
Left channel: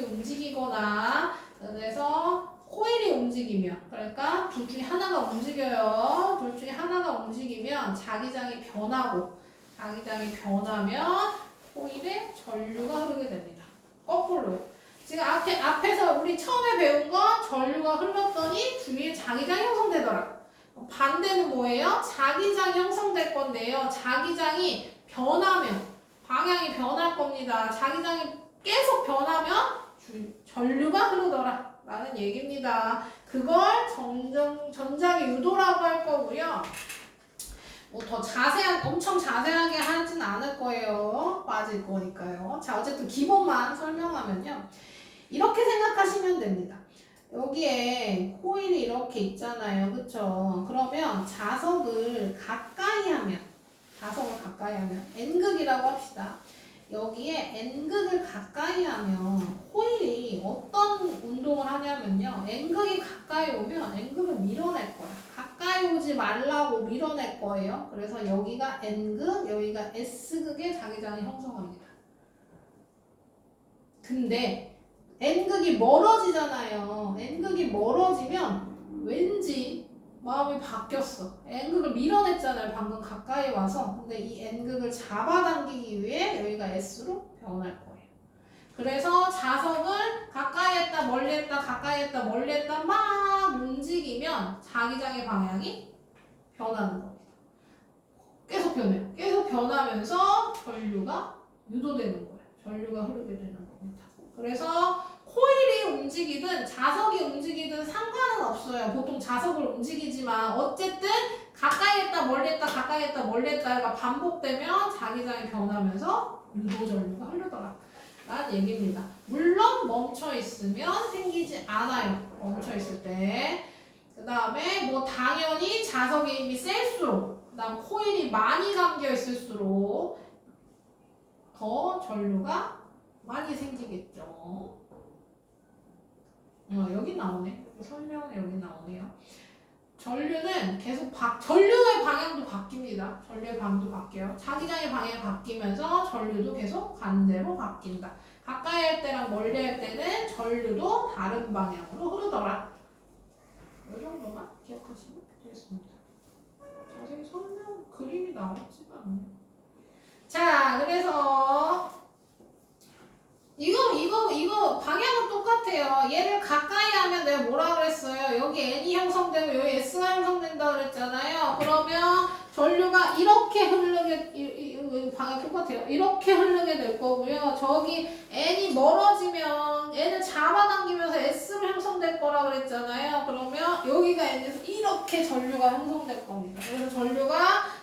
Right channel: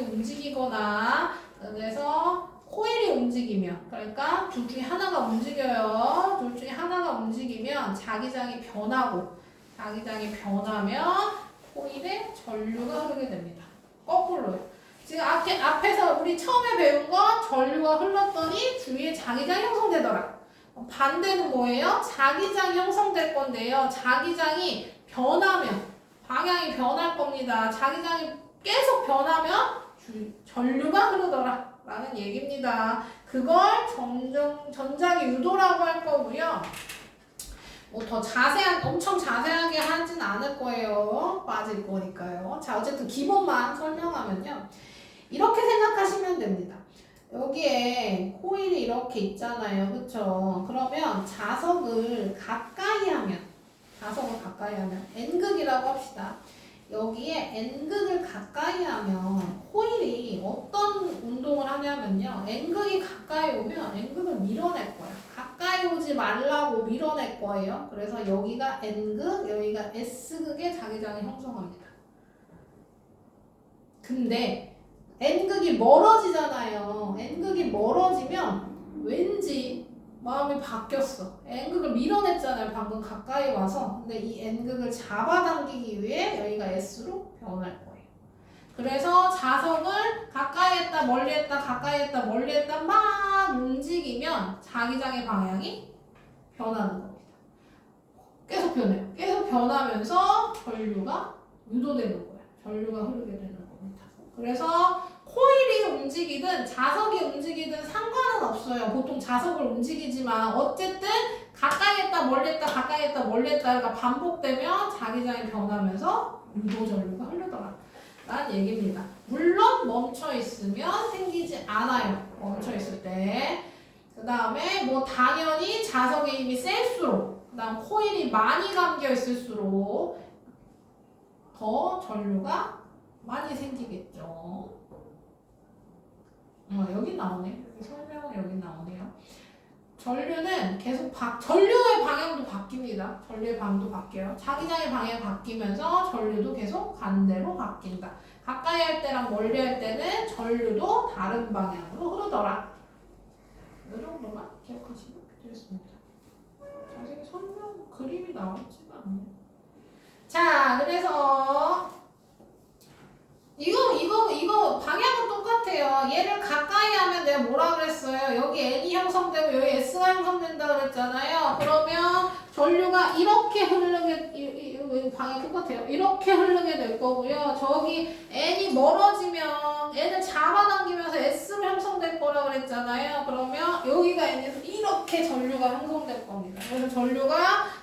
움직이거나 그래서 코일이 움직이면 그러니까 둘 중에 하나가 움직여요. 둘 중에 하나가 움직이면 자기장이 변하면 코일에 전류가 흐르게 됩니다. 거꾸로요. 지금 앞에서 우리 처음에 배운 거 전류가 흘렀더니 주위에 자기장이 형성되더라. 반대는 뭐예요? 자기장이 형성될 건데요. 자기장이 변하면 방향이 변할 겁니다. 자기장이 계속 변하면 전류가 흐르더라 라는 얘기입니다. 그걸 전자기 유도라고 할 거고요. 뭐 더 엄청 자세하게 하진 않을 거예요. 빠질 거니까요. 자, 어쨌든 기본만 설명하면요. 이렇게 생각하시면 됩니다. 여기에 코일이 이렇게 있잖아요. 그쵸? 그러면 자석을 가까이 하면 N극이라고 합시다. 여기에 N극을 가까이 하면 코일이 어떤 운동을 하냐면요. N극이 가까이 오면 N극을 밀어낼 거야. 가까이 오지 말라고 밀어낼 거예요. 그래서 여기가 N극, 여기가 S극의 자기장을 형성합니다. 근데 N극이 멀어지잖아요. N극이 멀어지면 왠지 마음이 바뀌었어. N극을 밀어냈잖아요. 방금 가까이 와서. 근데 이 N극을 잡아당기기 위해 여기가 S로 변할 거예요. 그래서 자석을 가까이 했다 멀리 했다 가까이 했다 멀리 했다 막 움직이면 자기장의 방향이 변하는 겁니다. 계속 변해요. 계속 변하면서 전류가 유도되는 거예요. 전류가 흐르게 되는 겁니다. 그래서 코일이 움직이든 자석이 움직이든 상관은 없어요. 보통 자석을 움직이지만 어쨌든 가까이 했다 멀리 했다 가까이 했다 멀리 했다가 반복되면 자기장이 변하면서 유도 전류가 흐르더라 라는 얘기입니다. 물론 멈춰 있으면 생기지 않아요. 멈춰 있을 때. 그 다음에 뭐 당연히 자석의 힘이 셀수록 그 다음 코일이 많이 감겨 있을수록 더 전류가 많이 생기겠죠. 여기 나오네. 설명은 여기 나오네요. 전류는 계속 전류의 방향도 바뀝니다. 전류의 방향도 바뀌어요. 자기장의 방향이 바뀌면서 전류도 계속 반대로 바뀐다. 가까이 할 때랑 멀리 할 때는 전류도 다른 방향으로 흐르더라. 이 정도만 기억하시면 되겠습니다. 자세히 설명 그림이 나오지가 않네요. 자, 그래서 이거 방향은 똑같아요. 얘를 가까이 하면 내가 뭐라 그랬어요? 여기 N이 형성되고 여기 S가 형성된다 그랬잖아요. 그러면 전류가 이렇게 흐르게 방향 똑같아요. 이렇게 흐르게 될 거고요. 저기 N이 멀어지면 N을 잡아당기면서 S로 형성될 거라 그랬잖아요. 그러면 여기가 N에서 이렇게 전류가 형성될 겁니다. 그래서 전류가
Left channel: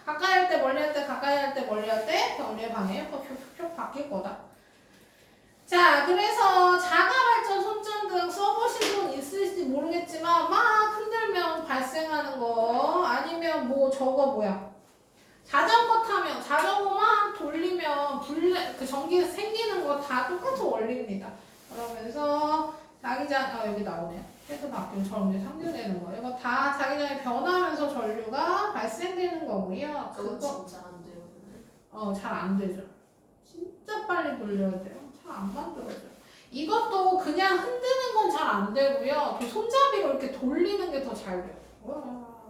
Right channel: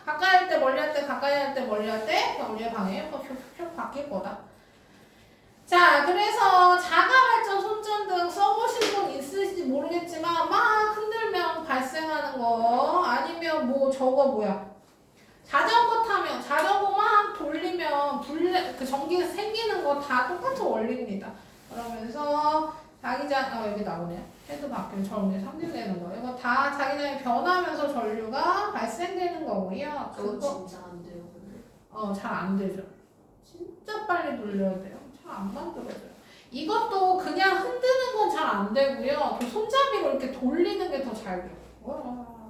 가까이 할 때 멀리 할 때 가까이 할 때 멀리 할 때 전류의 방향이 표 바뀔 거다. 자, 그래서 자가발전 손전등 써보신 분 있으실지 모르겠지만 막 흔들면 발생하는 거 아니면 뭐 저거 뭐야 자전거 타면 자전거 막 돌리면 그 전기가 생기는 거 다 똑같은 원리입니다. 그러면서 자기장 여기 나오네요. 해도 바뀌면 전기 상쇄되는 거. 이거 다 자기장이 변하면서 전류가 발생되는 거고요. 그거 그거 진짜 안 돼요 근데. 잘 안 되죠. 진짜 빨리 돌려야 돼요. 잘 안 만들어져요. 이것도 그냥 흔드는 건 잘 안 되고요. 그 손잡이로 이렇게 돌리는 게 더 잘 돼요.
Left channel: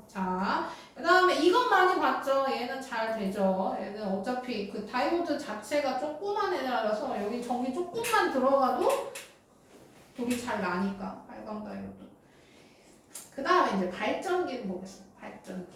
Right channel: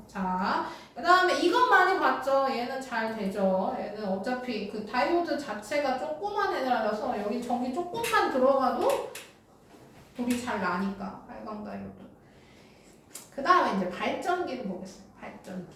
자, 그 다음에 이것 많이 봤죠? 얘는 잘 되죠. 얘는 어차피 그 다이오드 자체가 조그만 애라서 여기 전기 조금만 들어가도 불이 잘 나니까 빨간 다이오드. 그 다음에 이제 발전기를 보겠습니다. 발전기.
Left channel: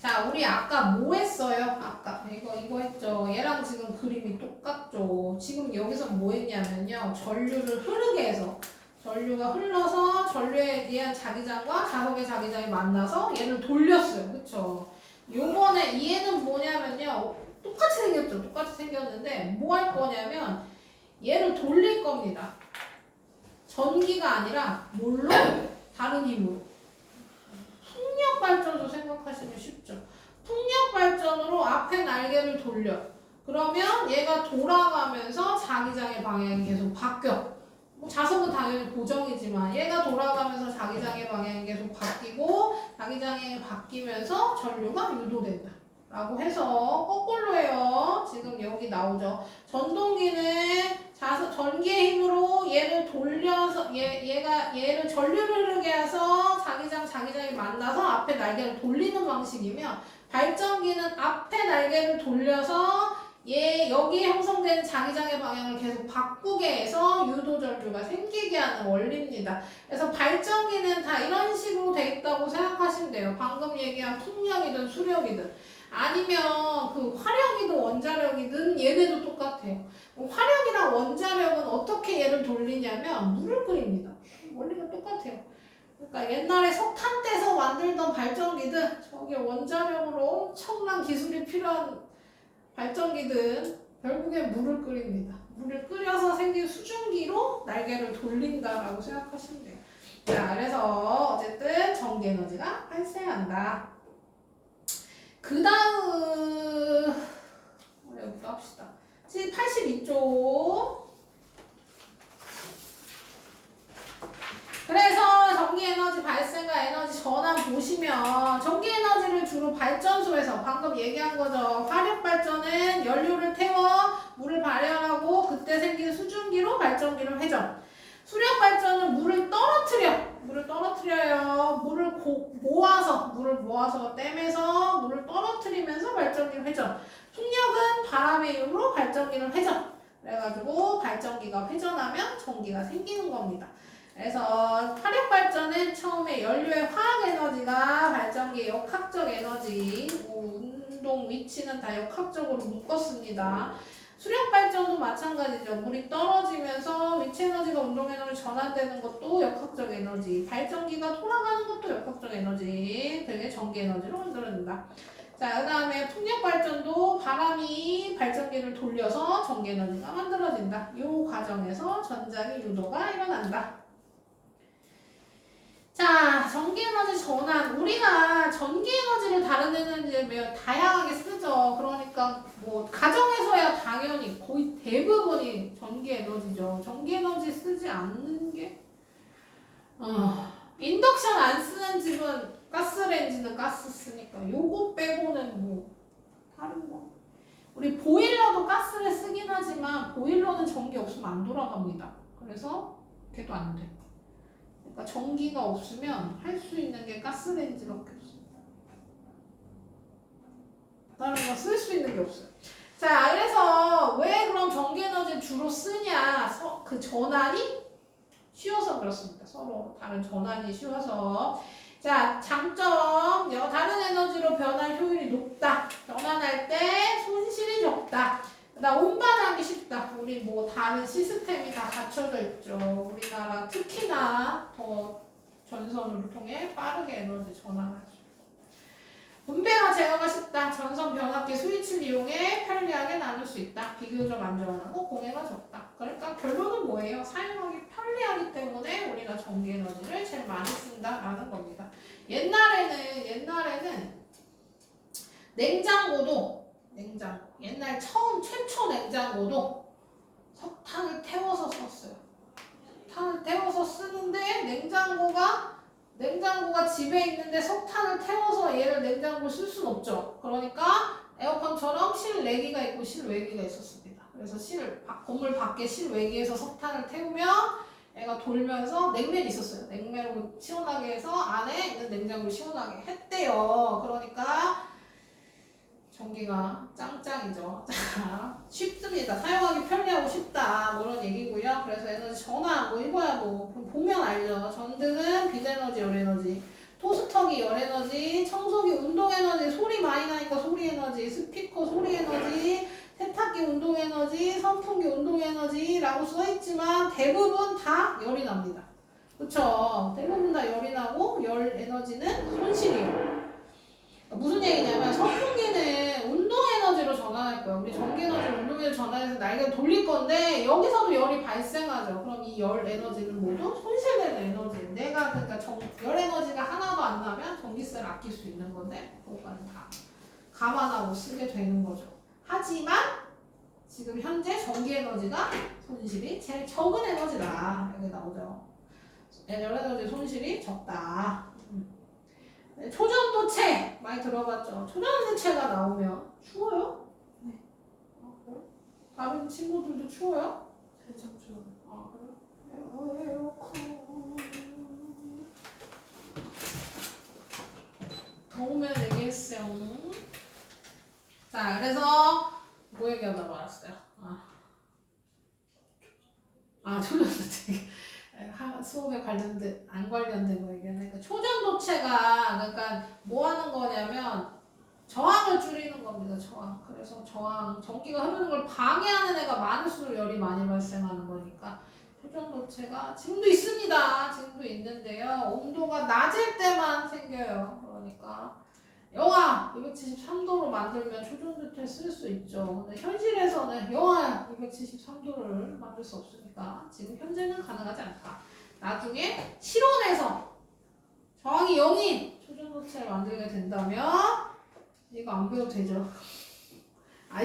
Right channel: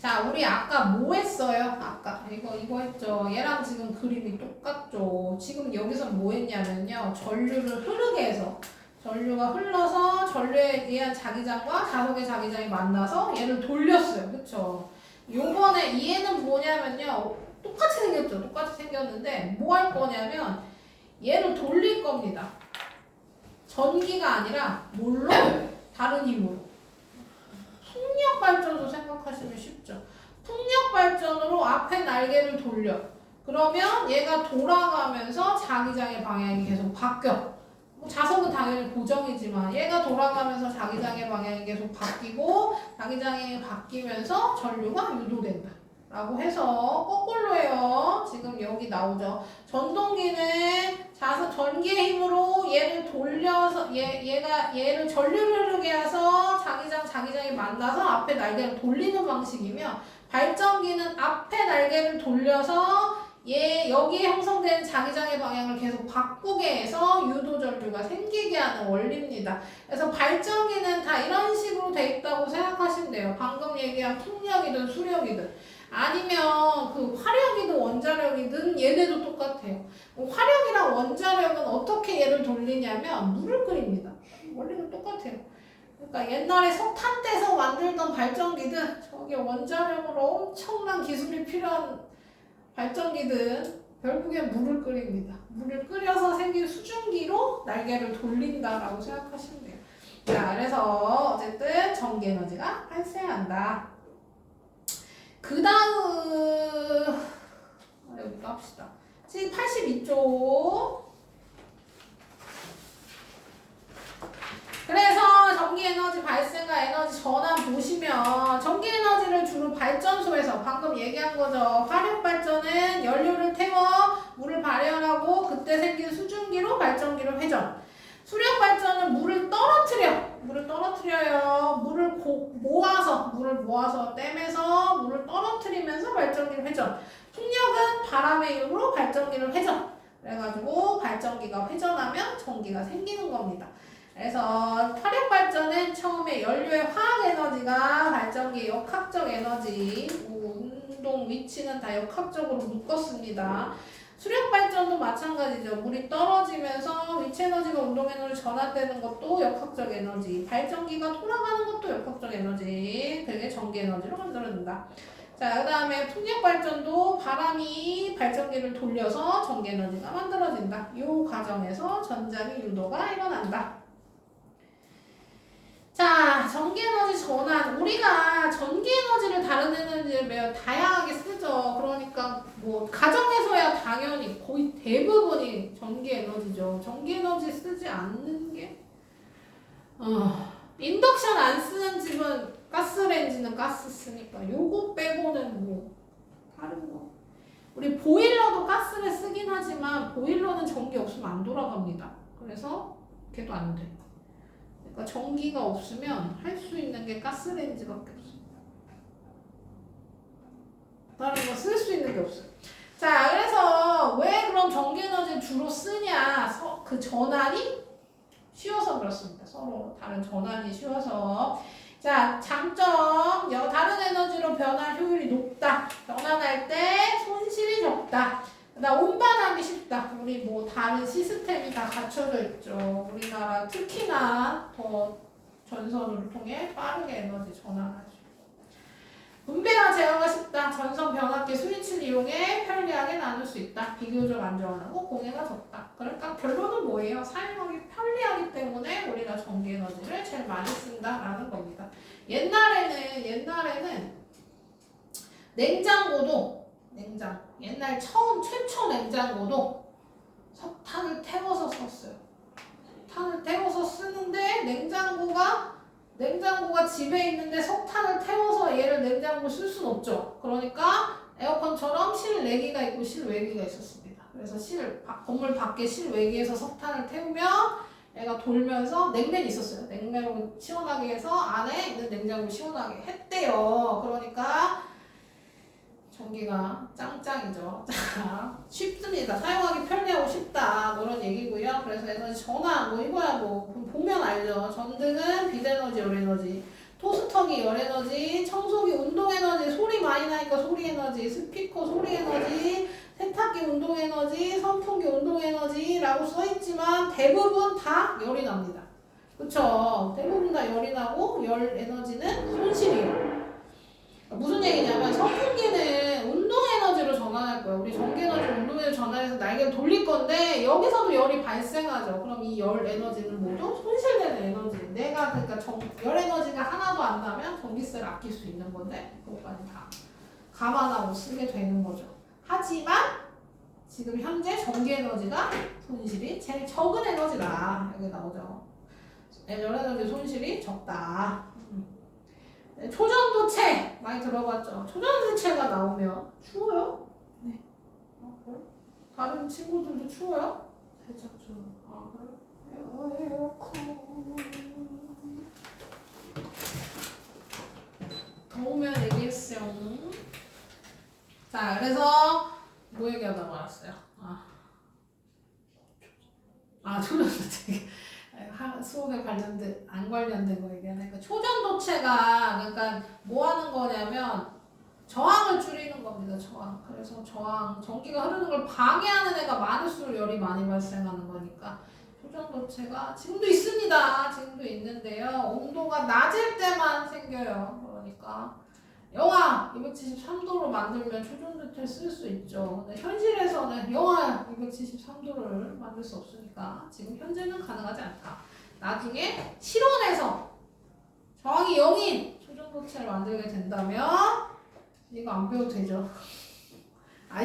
자, 우리 아까 뭐 했어요? 아까 이거 했죠. 얘랑 지금 그림이 똑같죠. 지금 여기서 뭐 했냐면요. 전류를 흐르게 해서 전류가 흘러서 전류에 대한 자기장과 자석의 자기장이 만나서 얘를 돌렸어요. 그쵸? 요번에 얘는 뭐냐면요. 똑같이 생겼죠. 똑같이 생겼는데 뭐 할 거냐면 얘를 돌릴 겁니다. 전기가 아니라 뭘로? 다른 힘으로. 풍력 발전소 생각하시면 쉽죠. 풍력 발전으로 앞에 날개를 돌려. 그러면 얘가 돌아가면서 자기장의 방향이 계속 바뀌어. 뭐 자석은 당연히 고정이지만 얘가 돌아가면서 자기장의 방향이 계속 바뀌고 자기장이 바뀌면서 전류가 유도된다. 라고 해서 거꾸로 해요. 지금 여기 나오죠. 전동기는 전기의 힘으로 얘를 돌려서 얘를 전류를 흐르게 해서 자기장이 만나서 앞에 날개를 돌리는 방식이며 발전기는 앞에 날개를 돌려서 여기에 형성된 자기장의 방향을 계속 바꾸게 해서 유도 전류가 생기게 하는 원리입니다. 그래서 발전기는 다 이런 식으로 돼 있다고 생각하시면 돼요. 방금 얘기한 풍력이든 수력이든. 아니면 그 화력이든 원자력이든 얘네도 똑같아요. 화력이랑 원자력은 어떻게 얘를 돌리냐면 물을 끓입니다. 원리는 똑같아요. 그러니까 옛날에 석탄 떼서 만들던 발전기든 저기 원자력으로 엄청난 기술이 필요한 발전기든 결국에 물을 끓입니다. 물을 끓여서 생긴 수증기로 날개를 돌린다라고 생각하시면 돼요. 자, 그래서 어쨌든 전기 에너지가 발생한다. 그 다음 여기도 합시다. 지금 82쪽. 그래서 전기에너지 발생과 에너지 전환 보시면 전기에너지를 주로 발전소에서 방금 얘기한 거죠. 화력발전은 연료를 태워 물을 발열하고 그때 생긴 수증기로 발전기를 회전. 수력발전은 물을 떨어뜨려요. 물을 모아서 댐에서 물을 떨어뜨리면서 발전기를 회전. 풍력은 바람의 힘으로 발전기를 회전. 그래가지고 발전기가 회전하면 전기가 생기는 겁니다. 그래서 화력발전은 처음에 연료의 화학에너지가 발전기의 역학적 에너지, 운동 위치는 다 역학적으로 묶었습니다. 수력발전도 마찬가지죠. 물이 떨어지면서 위치에너지가 운동에너지로 전환되는 것도 역학적 에너지, 발전기가 돌아가는 것도 역학적 에너지, 그게 전기에너지로 만들어진다. 자, 그 다음에 풍력발전도 바람이 발전기를 돌려서 전기에너지가 만들어진다. 이 과정에서 전자기 유도가 일어난다. 자, 전기에너지 전환. 우리가 전기에너지를 다른 에너지에 매우 다양하게 쓰죠. 그러니까 뭐 가정에서야 당연히 거의 대부분이 전기에너지죠. 전기에너지 쓰지 않는 게 인덕션 안 쓰는 집은 가스레인지는 가스 쓰니까 요거 빼고는 뭐 다른 거. 우리 보일러도 가스를 쓰긴 하지만 보일러는 전기 없으면 안 돌아갑니다. 그래서 걔도 안 돼. 그러니까 전기가 없으면 할 수 있는 게 가스레인지밖에 없습니다. 다른 거 쓸 수 있는 게 없어요. 자, 그래서 왜 그럼 전기에너지를 주로 쓰냐? 그 전환이 쉬워서 그렇습니다. 서로 다른 전환이 쉬워서. 자, 장점. 다른 에너지로 변할 효율이 높다. 변환할 때 손실이 적다. 그다음 운반하기 쉽다. 우리 뭐 다른 시스템이 다 갖춰져 있죠. 우리나라 특히나 더 전선을 통해 빠르게 에너지 전환하죠. 분배와 제어가 쉽다. 전선 변압기 스위치를 이용해 편리하게 나눌 수 있다. 비교적 안전하고 공해가 적다. 그러니까 결론은 뭐예요? 사용하기 편리하기 때문에 우리가 전기 에너지를 제일 냉장고도 석탄을 태워서 썼어요. 석탄을 태워서 쓰는데 냉장고가 집에 있는데 석탄을 태워서 얘를 냉장고 쓸 수는 없죠. 그러니까 에어컨처럼 실내기가 있고 실외기가 있었습니다. 그래서 건물 밖에 실외기에서 석탄을 태우면 얘가 돌면서 냉면이 있었어요. 냉면을 시원하게 해서 안에 있는 냉장고를 시원하게 했대요. 그러니까 전기가 짱짱이죠. 자, 쉽습니다. 사용하기 편리하고 쉽다. 뭐 이런 얘기고요. 그래서 에너지 전화 뭐 이거야 뭐 보면 알죠. 전등은 빛에너지, 열에너지, 토스터기 열에너지, 청소기 운동에너지, 소리 많이 나니까 소리에너지, 스피커 소리에너지, 세탁기 운동에너지, 선풍기 운동에너지라고 써있지만 대부분 다 열이 납니다. 그쵸? 대부분 다 열이 나고 열 에너지는 손실이에요. 무슨 얘기냐면 선풍기는 운동에너지로 전환할 거예요. 우리 전기에너지를 운동에너지로 전환해서 날개를 돌릴 건데 여기서도 열이 발생하죠. 그럼 이 열 에너지는 모두 손실되는 에너지. 내가 그러니까 열 에너지가 하나도 안 나면 전기세를 아낄 수 있는 건데 그것까지 다 감안하고 쓰게 되는 거죠. 하지만 지금 현재 전기에너지가 손실이 제일 적은 에너지다. 여기 나오죠. 열에너지 손실이 적다. 초전도체 많이 들어봤죠? 초전도체가 나오면 추워요? 네. 다른 친구들도 추워요? 살짝 좀. 아 그래? 에어컨 더우면 얘기했어요. 자 그래서 뭐 얘기하다 말았어요? 초전도체 수업에 관련된 안 관련된 거 얘기하니까 초전도체가 그러니까 뭐 하는 거냐면 저항을 줄이는 겁니다. 저항. 그래서 전기가 흐르는 걸 방해하는 애가 많을수록 열이 많이 발생하는 거니까 초전도체가 지금도 있습니다. 지금도 있는데요. 온도가 낮을 때만 생겨요. 그러니까 영하 273도로 만들면 초전도체 쓸 수 있죠. 근데 현실에서는 영하 273도를 만들 수 없으니까 지금 현재는 가능하지 않다. 나중에 실온에서 저항이 0인 초전도체를 만들게 된다면 이거 안 배워도 되죠.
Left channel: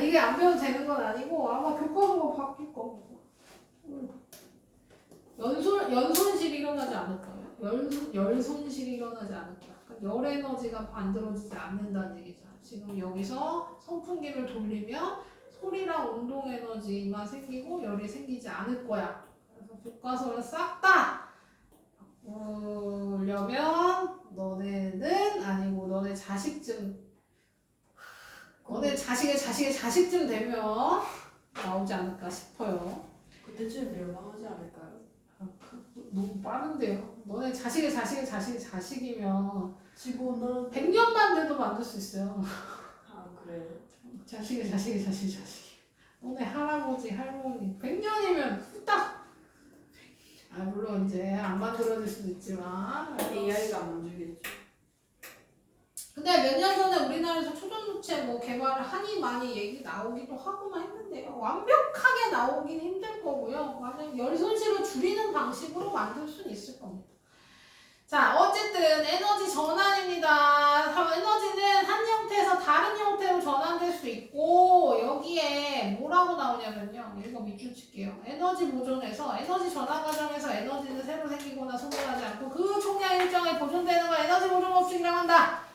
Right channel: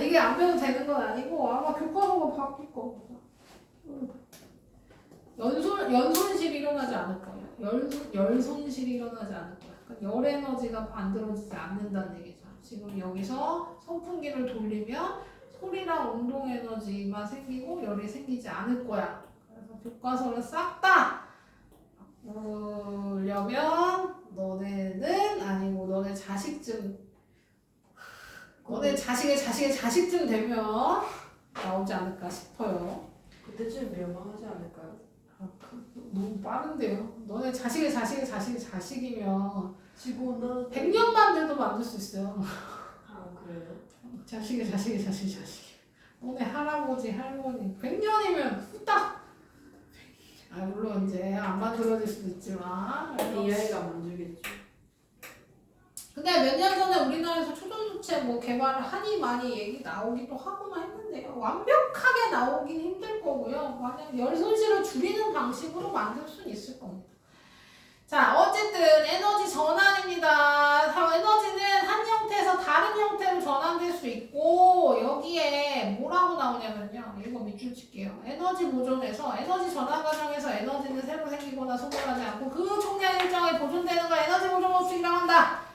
이게 안 배워도 되는 건 아니고 아마 교과서가 바뀔 겁니다. 연손실이 일어나지 않을 거예요. 열손실이 일어나지 않을 거예요. 그러니까 열 에너지가 만들어지지 않는다는 얘기죠. 지금 여기서 선풍기를 돌리면 소리랑 운동 에너지만 생기고 열이 생기지 않을 거야. 그래서 교과서를 싹 다 보려면 너네는 아니고 너네 자식쯤 너네 자식의 자식쯤 되면 나오지 않을까 싶어요. 그때쯤 멸망하지 않을까요? 너무 빠른데요. 너네 자식의 자식이면 지구는 100년만 돼도 만들 수 있어요. 그래요? 자식의 자식. 너네 할아버지 할머니 100년이면 후딱. 물론 이제 안 만들어질 수도 있지만 AI가 만들겠죠. 근데 몇 년 전에 우리나라에서 초전도체 뭐 개발을 하니 많이 얘기 나오기도 하고만 했는데요. 완벽하게 나오긴 힘들 거고요. 만약 열 손실을 줄이는 방식으로 만들 수는 있을 겁니다. 자, 어쨌든 에너지 전환입니다. 에너지는 한 형태에서 다른 형태로 전환될 수 있고 여기에 뭐라고 나오냐면요. 이거 밑줄 칠게요. 에너지 보존에서 에너지 전환 과정에서 에너지는 새로 생기거나 소멸하지 않고 그 총량 일정에 보존되는 걸 에너지 보존 법칙이라고 한다.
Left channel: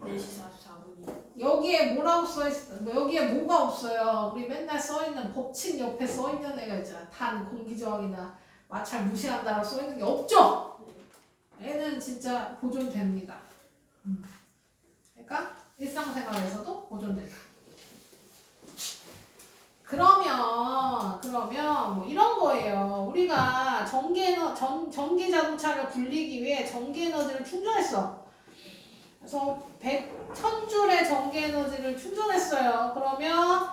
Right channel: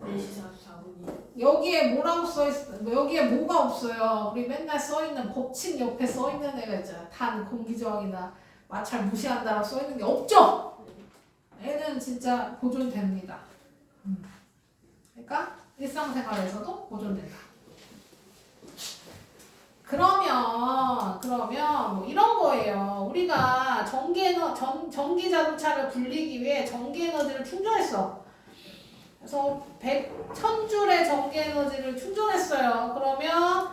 4시 44분이요. 여기에 뭐라고 써있어? 여기에 뭐가 없어요? 우리 맨날 써있는 법칙 옆에 써있는 애가 있잖아. 단, 공기저항이나 마찰 무시한다라고 써있는 게 없죠? 얘는 진짜 보존됩니다. 그러니까 일상생활에서도 보존된다. 그러면 뭐 이런 거예요. 우리가 전기 자동차를 굴리기 위해 전기 에너지를 충전했어. 그래서 1000줄의 전기 에너지를 충전했어요. 그러면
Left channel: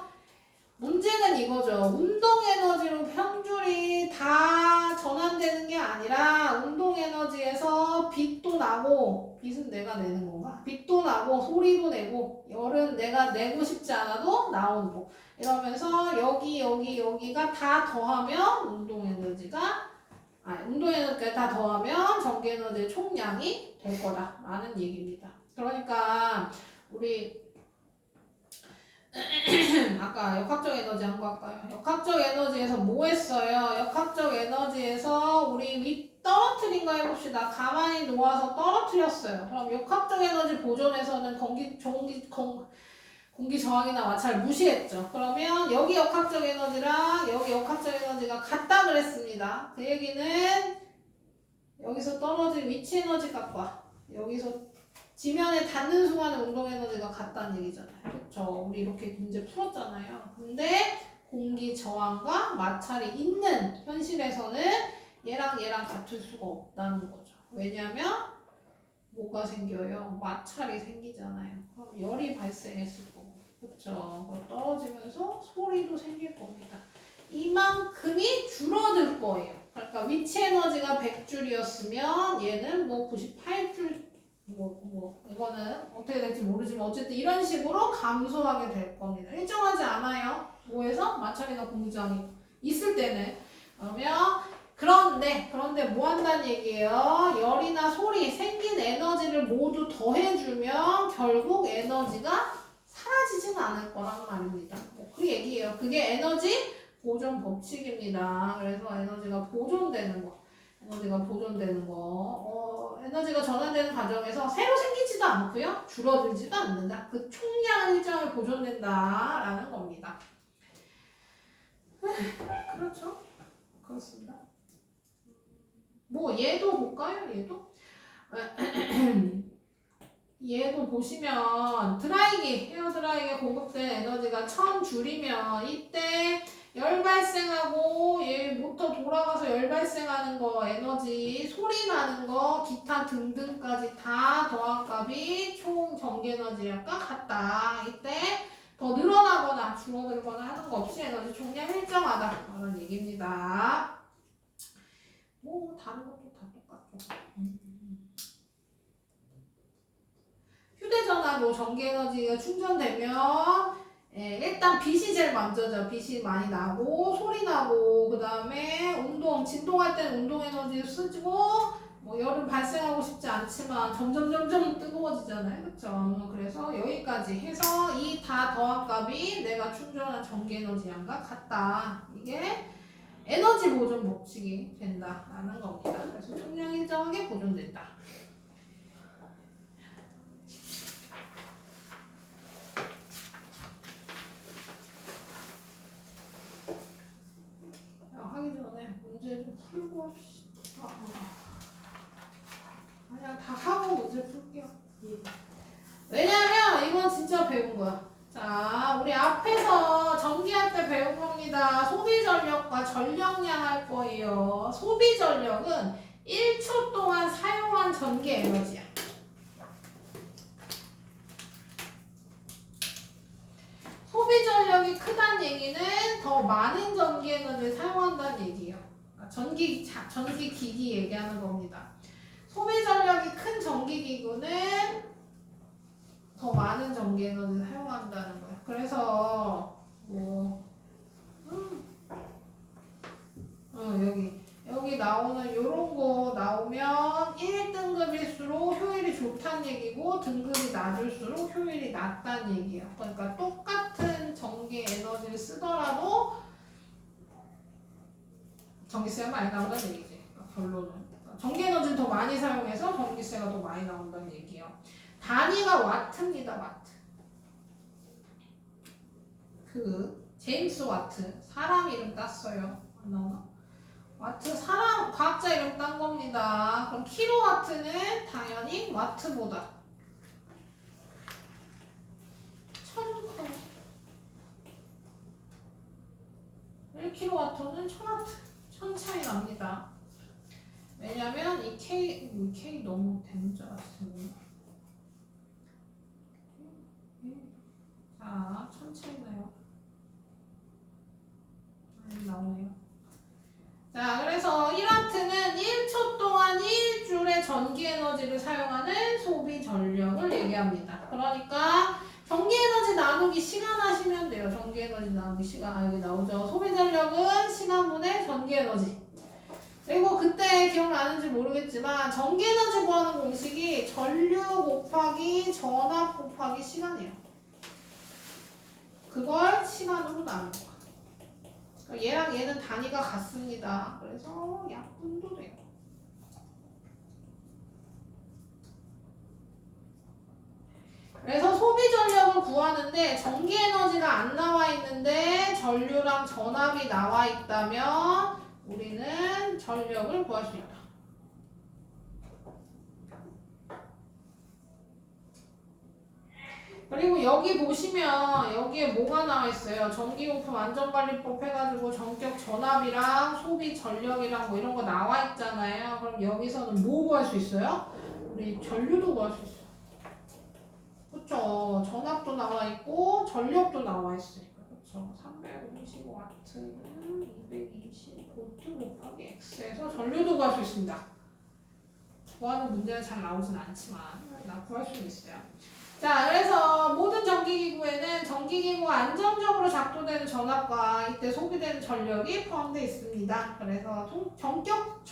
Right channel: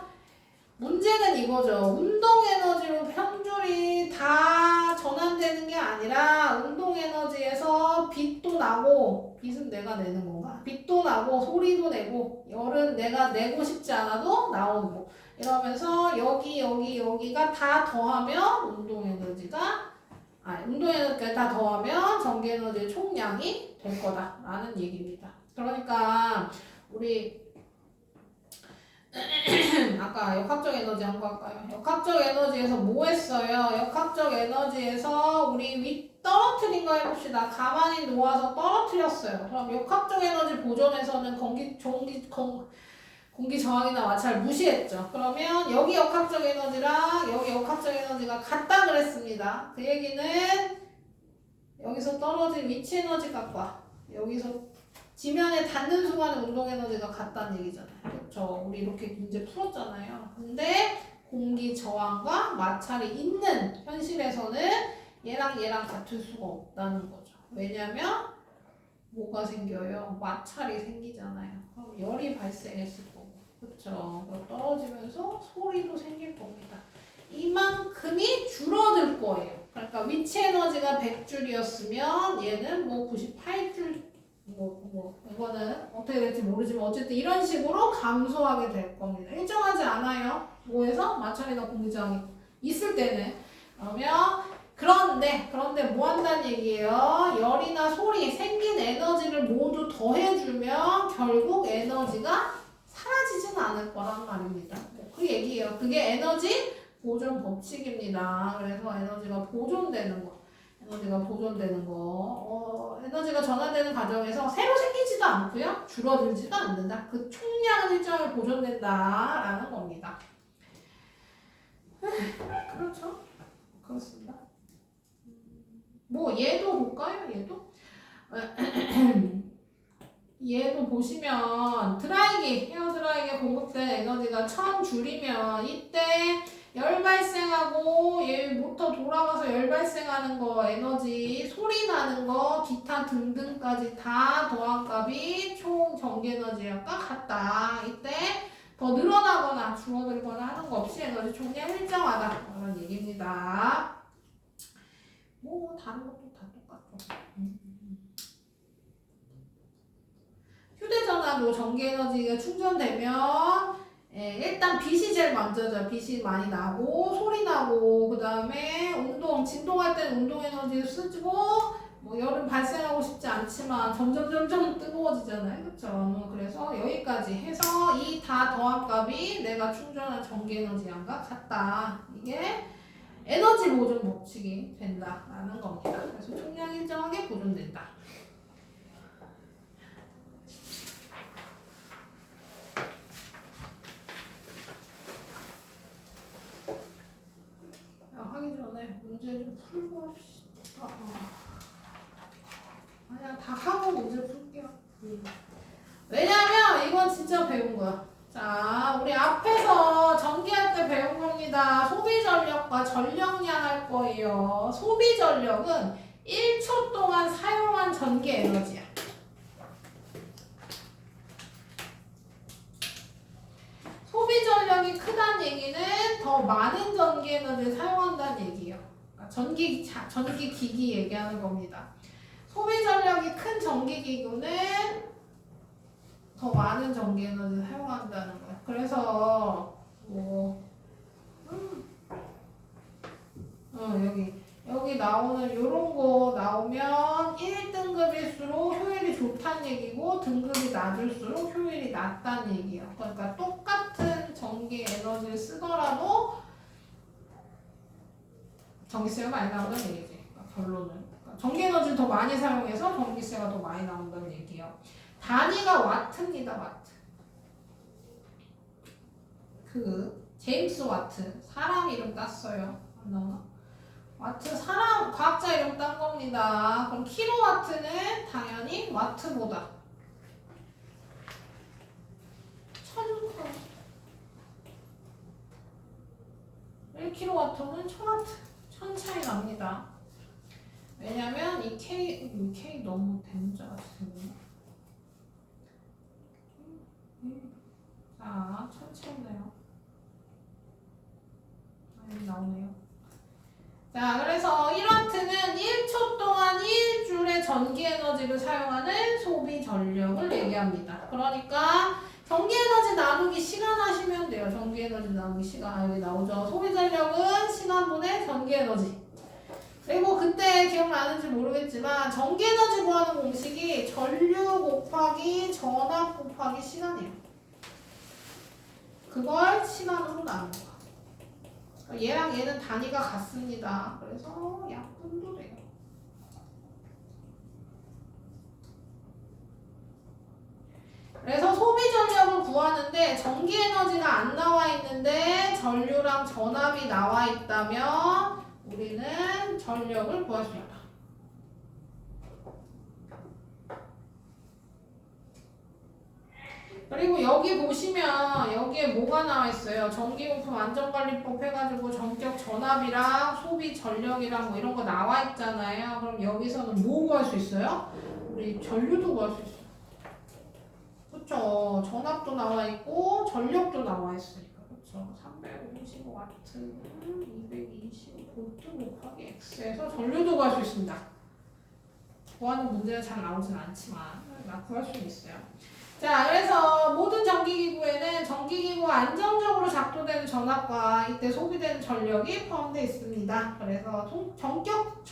문제는 이거죠. 운동 에너지로 평줄이 다 전환되는 게 아니라 운동 에너지에서 빛도 나고, 빛은 내가 내는 건가? 빛도 나고 소리도 내고 열은 내가 내고 싶지 않아도 나오는 거. 이러면서 여기가 다 더하면 운동 에너지가 다 더하면 전기 에너지의 총량이 될 거다라는 얘기입니다. 그러니까 우리 아까 역학적 에너지 한 거 할까요? 역학적 에너지에서 뭐 했어요? 역학적 에너지에서 우리 떨어뜨린 거 해봅시다. 가만히 놓아서 떨어뜨렸어요. 그럼 역학적 에너지 보존에서는 공기 저항이나 마찰 무시했죠. 그러면 여기 역학적 에너지랑 여기 역학적 에너지가 같다 그랬습니다. 그 얘기는 여기서 떨어진 위치 에너지 값과 여기서 지면에 닿는 순간의 운동 에너지가 같다는 얘기잖아요. 그렇죠? 우리 이렇게 문제 풀었잖아요. 근데 공기 저항과 마찰이 있는 현실에서는 얘랑 같을 수가 없다는 거죠. 왜냐면 뭐가 생겨요? 마찰이 생기잖아요. 그럼 열이 발생했을 거고, 그렇죠? 떨어지면서 소리도 생길 겁니다. 이만큼이 줄어들 거예요. 그러니까 위치 에너지가 100줄이었으면 얘는 뭐 98줄 이거는 어떻게 될지 모르지만 어쨌든 이런 식으로 감소하게 될 겁니다. 일정하지 않아요. 뭐에서 마찰이나 공기저항이 있을 때는. 그런데 뭐 한다는 얘기예요? 열이나 소리 생긴 에너지를 모두 더해주면 결국 에너지가 사라지진 않을 거란 말입니다. 그 얘기예요. 그게 에너지 보존 법칙입니다. 그래서 에너지가 보존되는 거. 에너지가 전환되는 과정에서 새로 생기지도 않고요. 줄어들지도 않는다. 그 총량은 일정을 보존된다라는 겁니다. 그렇죠? 그렇습니다. 뭐 얘도 볼까요? 얘도 보시면 헤어 드라이기에 공급된 에너지가 1000줄이면 이때 열 발생하고 얘 모터 돌아가서 열 발생하는 거 에너지 소리 나는 거 기타 등등까지 다 더한 값이 총 전기 에너지랑 같다. 이때 더 늘어나거나 줄어들거나 하는 거 없이 에너지 총량 일정하다 그런 얘기입니다. 뭐 다른 것도 다 똑같죠. 휴대전화도 전기 에너지가 충전되면 일단 빛이 제일 먼저죠. 빛이 많이 나고 소리 나고 그 다음에 진동할 때는 운동 에너지 쓰고 뭐 열은 발생하고 싶지 않지만 점점 뜨거워지잖아요. 그렇죠? 그래서 여기까지 해서 이 다 더한 값이 내가 충전한 전기 에너지 양과 같다. 이게 에너지 보존 법칙이 된다라는 겁니다. 그래서 총량 일정하게 보존된다. 하기 전에 문제 좀 풀고 합시다. 아니야, 다 하고 문제 풀게요. 왜냐면 이건 진짜 배운 거야. 자, 우리 앞에서 전기할 때 배운 겁니다. 소비 전력과 전력량 할 거예요. 소비 전력은 1초 동안 사용한 전기 에너지야. 소비 전력이 크다는 얘기는 더 많은 전기 에너지를 사용한다는 얘기예요. 그러니까 전기 기기 얘기하는 겁니다. 소비 전력이 큰 전기 기구는 더 많은 전기 에너지를 사용한다는 거예요. 그래서 여기 나오는 요런 거 나오면 1등급일수록 효율이 좋다는 얘기고 등급이 낮을수록 효율이 낮다는 얘기예요. 그러니까 똑같은 전기 에너지를 쓰더라도 전기세가 많이 나온다는 얘기지. 그러니까 결론은 전기 에너지를 더 많이 사용해서 전기세가 더 많이 나온다는 얘기예요. 단위가 와트입니다. 와트. 제임스 와트 사람 이름 땄어요. 안 나오나? 와트 사람 과학자 이름 딴 겁니다. 그럼 킬로와트는 당연히 와트보다 1kW는 1000W 1000 차이 납니다. 왜냐면 이 K 너무 대문자 같은데. 자, 1000 차이 나요. 여기 나오네요. 자, 그래서 1와트는 1초 동안 1줄의 전기 에너지를 사용하는 소비 전력을 얘기합니다. 그러니까 전기 에너지 나누기 시간 하시면 돼요. 전기 에너지 나누기 시간 여기 나오죠. 소비 전력은 시간분의 전기 에너지. 그리고 그때 기억나는지 모르겠지만 전기 에너지 구하는 공식이 전류 곱하기 전압 곱하기 시간이에요. 그걸 시간으로 나눈 거야. 그러니까 얘랑 얘는 단위가 같습니다. 그래서 약분도 돼요. 그래서 소비 전력을 구하는데 전기 에너지가 안 나와 있는데 전류랑 전압이 나와 있다면 우리는 전력을 구할 수 있다. 그리고 여기 보시면 여기에 뭐가 나와 있어요? 전기용품 안전관리법 해가지고 전격 전압이랑 소비 전력이랑 뭐 이런 거 나와 있잖아요. 그럼 여기서는 뭐 구할 수 있어요? 우리 전류도 구할 수 있어요. 그쵸? 전압도 나와 있고 전력도 나와 있으니까. 그쵸? 350W는 220V 곱하기 X에서 전류도 구할 수 있습니다. 구하는 문제는 잘 나오진 않지만 구할 수 있어요. 자, 그래서 모든 전기기구에는 전기기구가 안정적으로 작동되는 전압과 이때 소비되는 전력이 포함되어 있습니다. 그래서 전격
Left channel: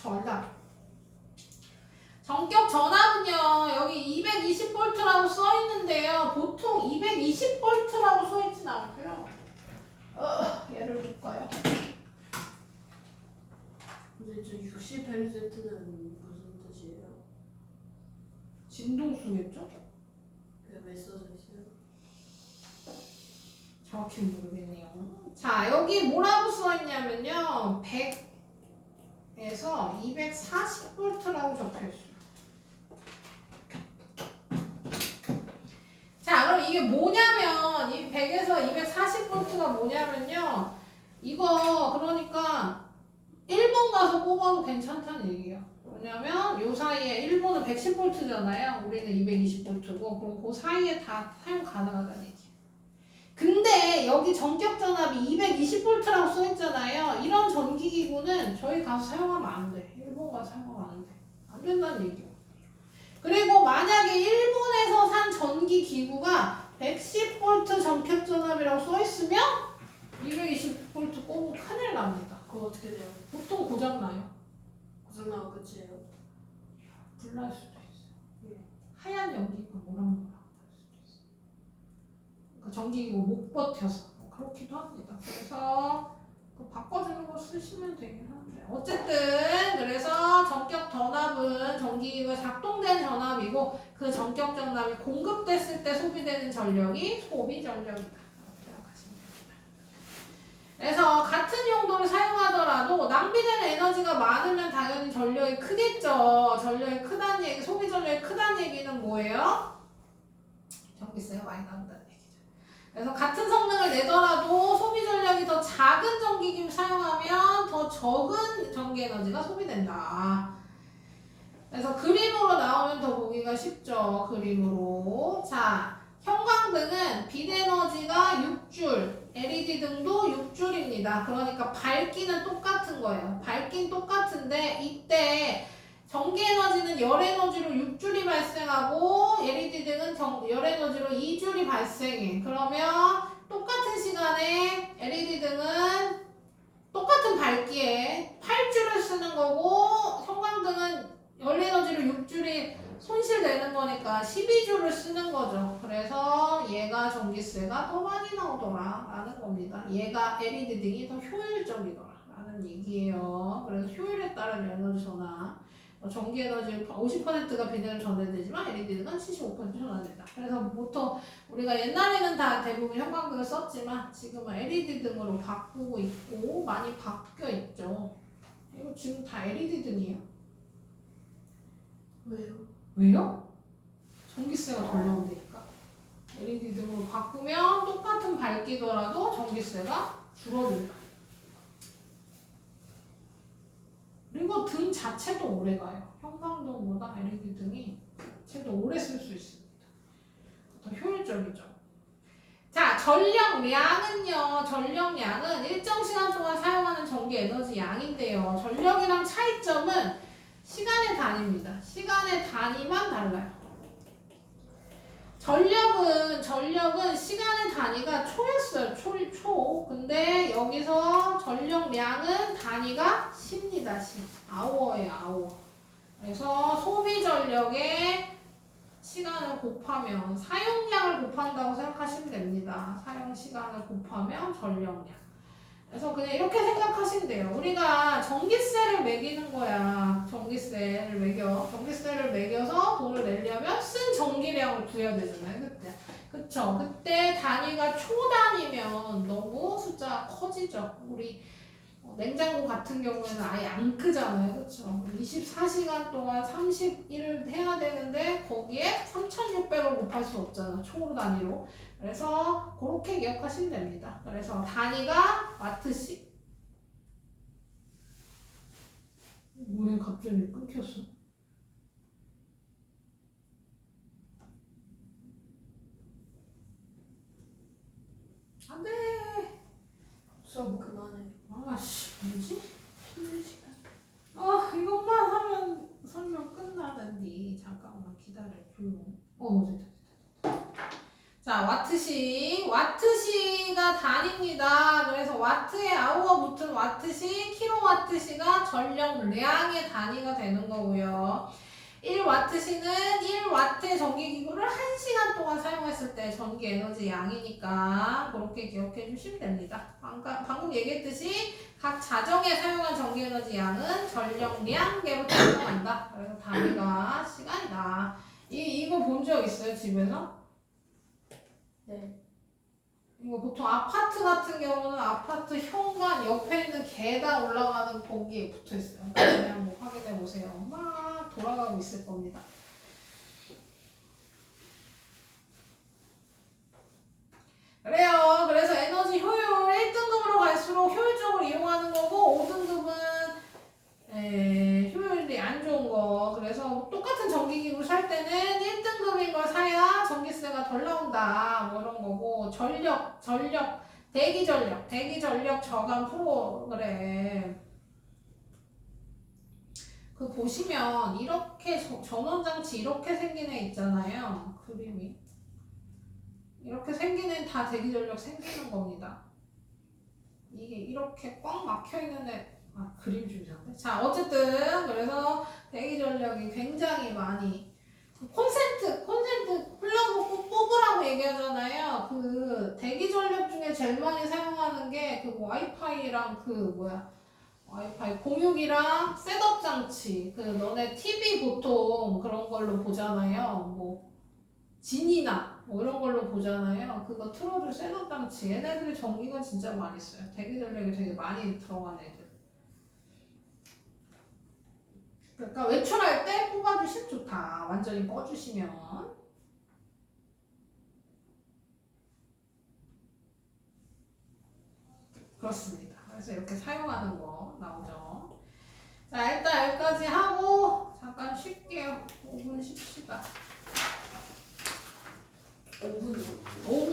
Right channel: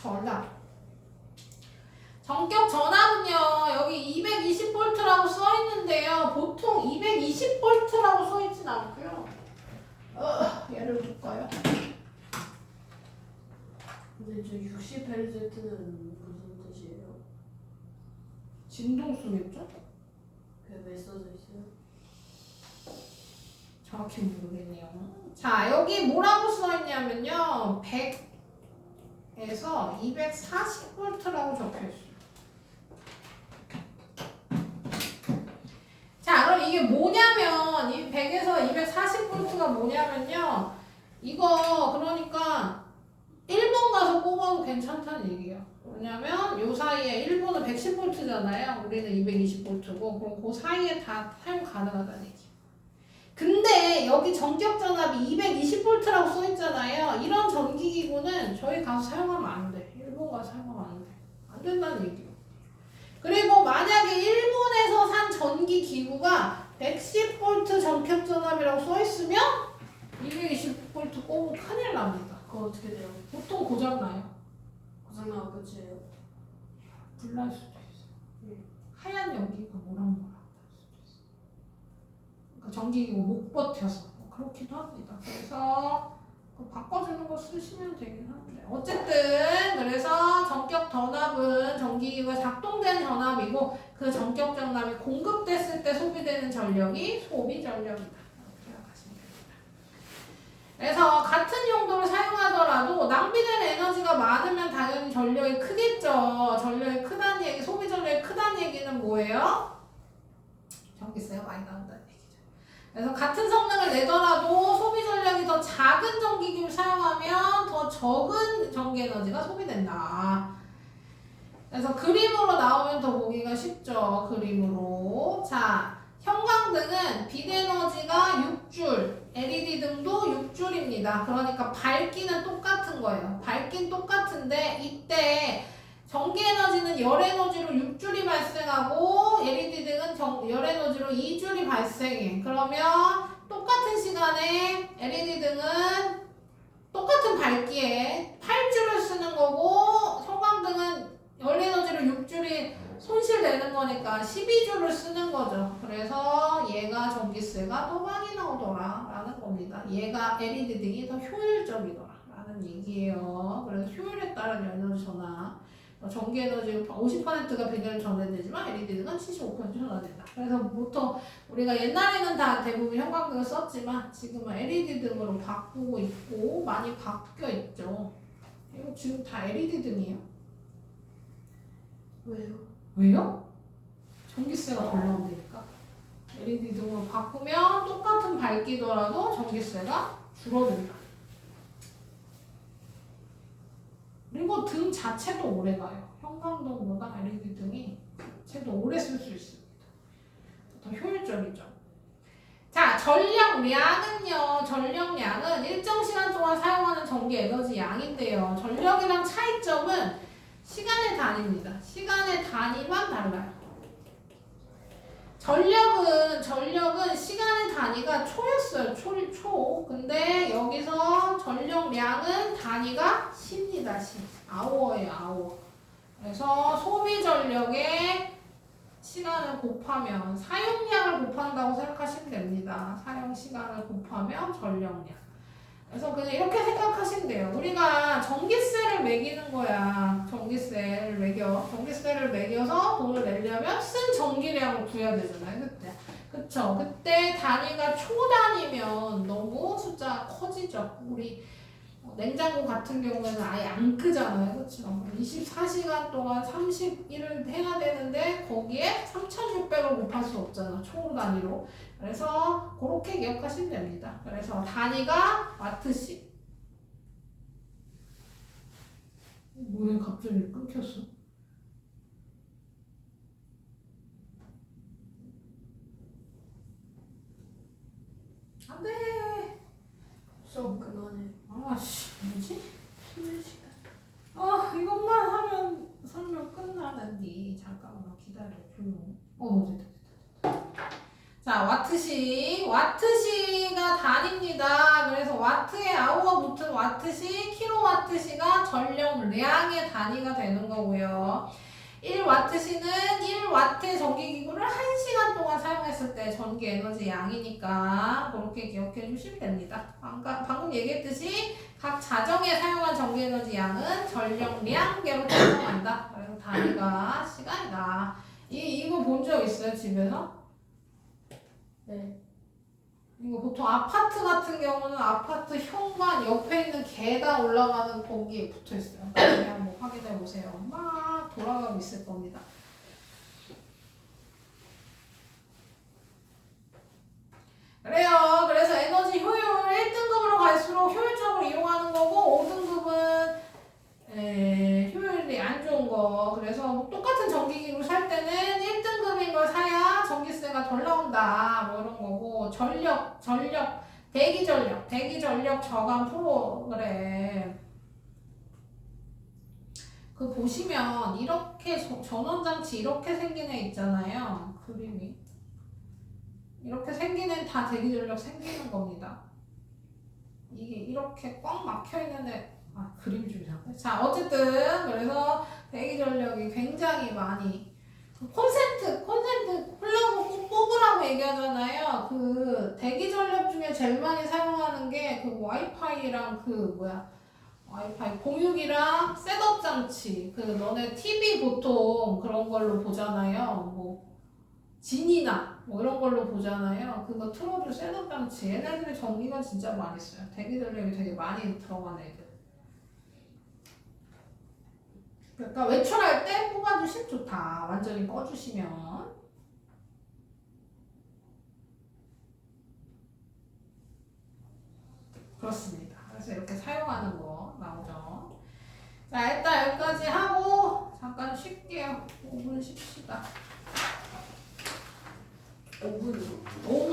전압은요, 여기 220V라고 써 있는데요. 보통 220V라고 써 있진 않고요. 얘를 볼까요? 근데 저 60Hz는 무슨 뜻이에요? 진동수겠죠? 왜 써져 있어요? 정확히 모르겠네요. 자, 여기 뭐라고 써 있냐면요. 100에서 240V라고 적혀 있어요. 자, 그럼 이게 뭐냐면 이 100에서 240V가 뭐냐면요. 이거 그러니까 일본 가서 꼽아도 괜찮다는 얘기예요. 왜냐면 요 사이에 일본은 110V잖아요. 우리는 220V고 그럼 그 사이에 다 사용 가능하다는 얘기예요. 근데 여기 전격 전압이 220V라고 써 있잖아요. 이런 전기기구는 저희 가서 사용하면 안 돼. 일본 가서 사용하면 안 돼. 안 된다는 얘기예요. 그리고 만약에 일본에서 산 전기기구가 110V 전격 전압이라고 써 있으면 220V 꼽으면 큰일 납니다. 그거 어떻게 돼요? 보통 고장나요. 고장나고 끝이에요? 불날 수도 있어요. 하얀 연기가 모락모락 날 수도 있어요. 그러니까 전기기구 못 버텨서 그렇기도 합니다. 그래서 바꿔주는 거 쓰시면 되긴 한데 어쨌든 그래서 전격 전압은 전기기구가 작동된 전압이고 그 전격 전압이 공급됐을 때 소비되는 전력이 소비 전력이다. 그래서 같은 용도를 사용하더라도 낭비되는 에너지가 많으면 당연히 전력이 크겠죠. 전력이 크다는 얘기, 소비 전력이 크다는 얘기는 뭐예요? 전기세가 많이 나온다는 얘기죠. 그래서 같은 성능을 내더라도 소비 전력이 더 작은 전기기를 사용하면 더 적은 전기 에너지가 소비된다. 그래서 그림으로 나오면 더 보기가 쉽죠. 그림으로. 자, 형광등은 빛 에너지가 6줄, LED 등도 6줄입니다. 그러니까 밝기는 똑같은 거예요. 밝기는 똑같은데 이때 전기 에너지는 열 에너지로 6줄이 발생하고 LED 등은 열 에너지로 2줄이 발생해. 그러면 똑같은 시간에 LED 등은 똑같은 밝기에 8줄을 쓰는 거고 형광등은 열 에너지로 6줄이 손실되는 거니까 12줄을 쓰는 거죠. 그래서 얘가 전기세가 더 많이 나오더라 라는 겁니다. 얘가 LED 등이 더 효율적이더라 라는 얘기예요. 그래서 효율에 따른 에너지 전환, 전기 에너지 50%가 비대를 전해되지만 LED 등은 75% 전환된다. 그래서 보통 우리가 옛날에는 다 대부분 형광등을 썼지만 지금은 LED 등으로 바꾸고 있고 많이 바뀌어 있죠. 이거 지금 다 LED 등이에요. 왜요? 왜요? 전기세가 더 나온다니까. LED 등으로 바꾸면 똑같은 밝기더라도 전기세가 줄어든다. 그리고 등 자체도 오래가요. 형광등보다 LED 등이 자체도 오래 쓸 수 있습니다. 더 효율적이죠. 자, 전력량은요. 전력량은 일정 시간 동안 사용하는 전기 에너지 양인데요. 전력이랑 차이점은 시간의 단위입니다. 시간의 단위만 달라요. 전력은 시간의 단위가 초였어요. 초. 근데 여기서 전력량은 단위가 시입니다. 시. 아워예요, 아워. 그래서 소비 전력의 시간을 곱하면 사용량을 곱한다고 생각하시면 됩니다. 사용 시간을 곱하면 전력량. 그래서 그냥 이렇게 생각하시면 돼요. 우리가 전기세를 매기는 거야. 전기세를 매겨. 전기세를 매겨서 돈을 내려면 쓴 전기량을 구해야 되잖아요. 그때. 그쵸? 그때 단위가 초 단위면 너무 숫자가 커지죠. 우리 냉장고 같은 경우에는 아예 안 끄잖아요. 그쵸? 24시간 동안 31을 해야 되는데 거기에 3,600을 곱할 수 없잖아. 초 단위로. 그래서 그렇게 기억하시면 됩니다. 그래서 단위가 와트씩. 왜 갑자기 끊겼어? 안 돼. 수업 그만해. 아씨, 뭐지? 쉬는 시간. 이것만 하면 설명 끝나는데. 잠깐만 기다려. 조용. 됐다. 자, 와트시. 와트시가 단위입니다. 그래서 와트에 아우어 붙은 와트시, 킬로와트시가 전력량의 단위가 되는 거고요. 1와트시는 1와트의 전기기구를 1시간 동안 사용했을 때 전기 에너지 양이니까 그렇게 기억해 주시면 됩니다. 방금 얘기했듯이 각 자정에 사용한 전기 에너지 양은 전력량계로 설명한다. 그래서 단위가 시간이다. 이거 본 적 있어요, 집에서? 네. 이거 보통 아파트 같은 경우는 아파트 현관 옆에 있는 계단 올라가는 거기에 붙어 있어요. 나중에 한번 확인해 보세요. 막 돌아가고 있을 겁니다. 그래요. 그래서 에너지 효율 1등급으로 갈수록 효율적으로 이용하는 거고 5등급은 효율이 안 좋은 거. 그래서 똑같은 전기기구 살 때는 1등급인 걸 사야 전기세가 덜 나온다. 뭐 이런 거고 대기전력 저감 프로그램. 그 보시면 이렇게 전원장치 이렇게 생긴 애 있잖아요. 그림이. 이렇게 생긴 애는 다 대기전력 생기는 겁니다. 이게 이렇게 꽉 막혀 있는 애. 그림 좀 이상해. 자, 어쨌든 그래서 대기전력이 굉장히 많이 콘센트 플러그 뽑으라고 얘기하잖아요. 그 대기전력 중에 제일 많이 사용하는 게 그 와이파이랑 와이파이 공유기랑 셋업 장치. 그 너네 TV 보통 그런 걸로 보잖아요. 뭐 진이나 뭐 이런 걸로 보잖아요. 그거 틀어줄 셋업 장치. 얘네들이 전기가 진짜 많이 써요. 대기전력이 되게 많이 들어간 애들. 그러니까 외출할 때 뽑아주시면 좋다. 완전히 꺼주시면. 그렇습니다. 그래서 이렇게 사용하는 거 나오죠. 자, 일단 여기까지 하고 잠깐 쉴게요. 5분 쉽시다. 5분이요. 5분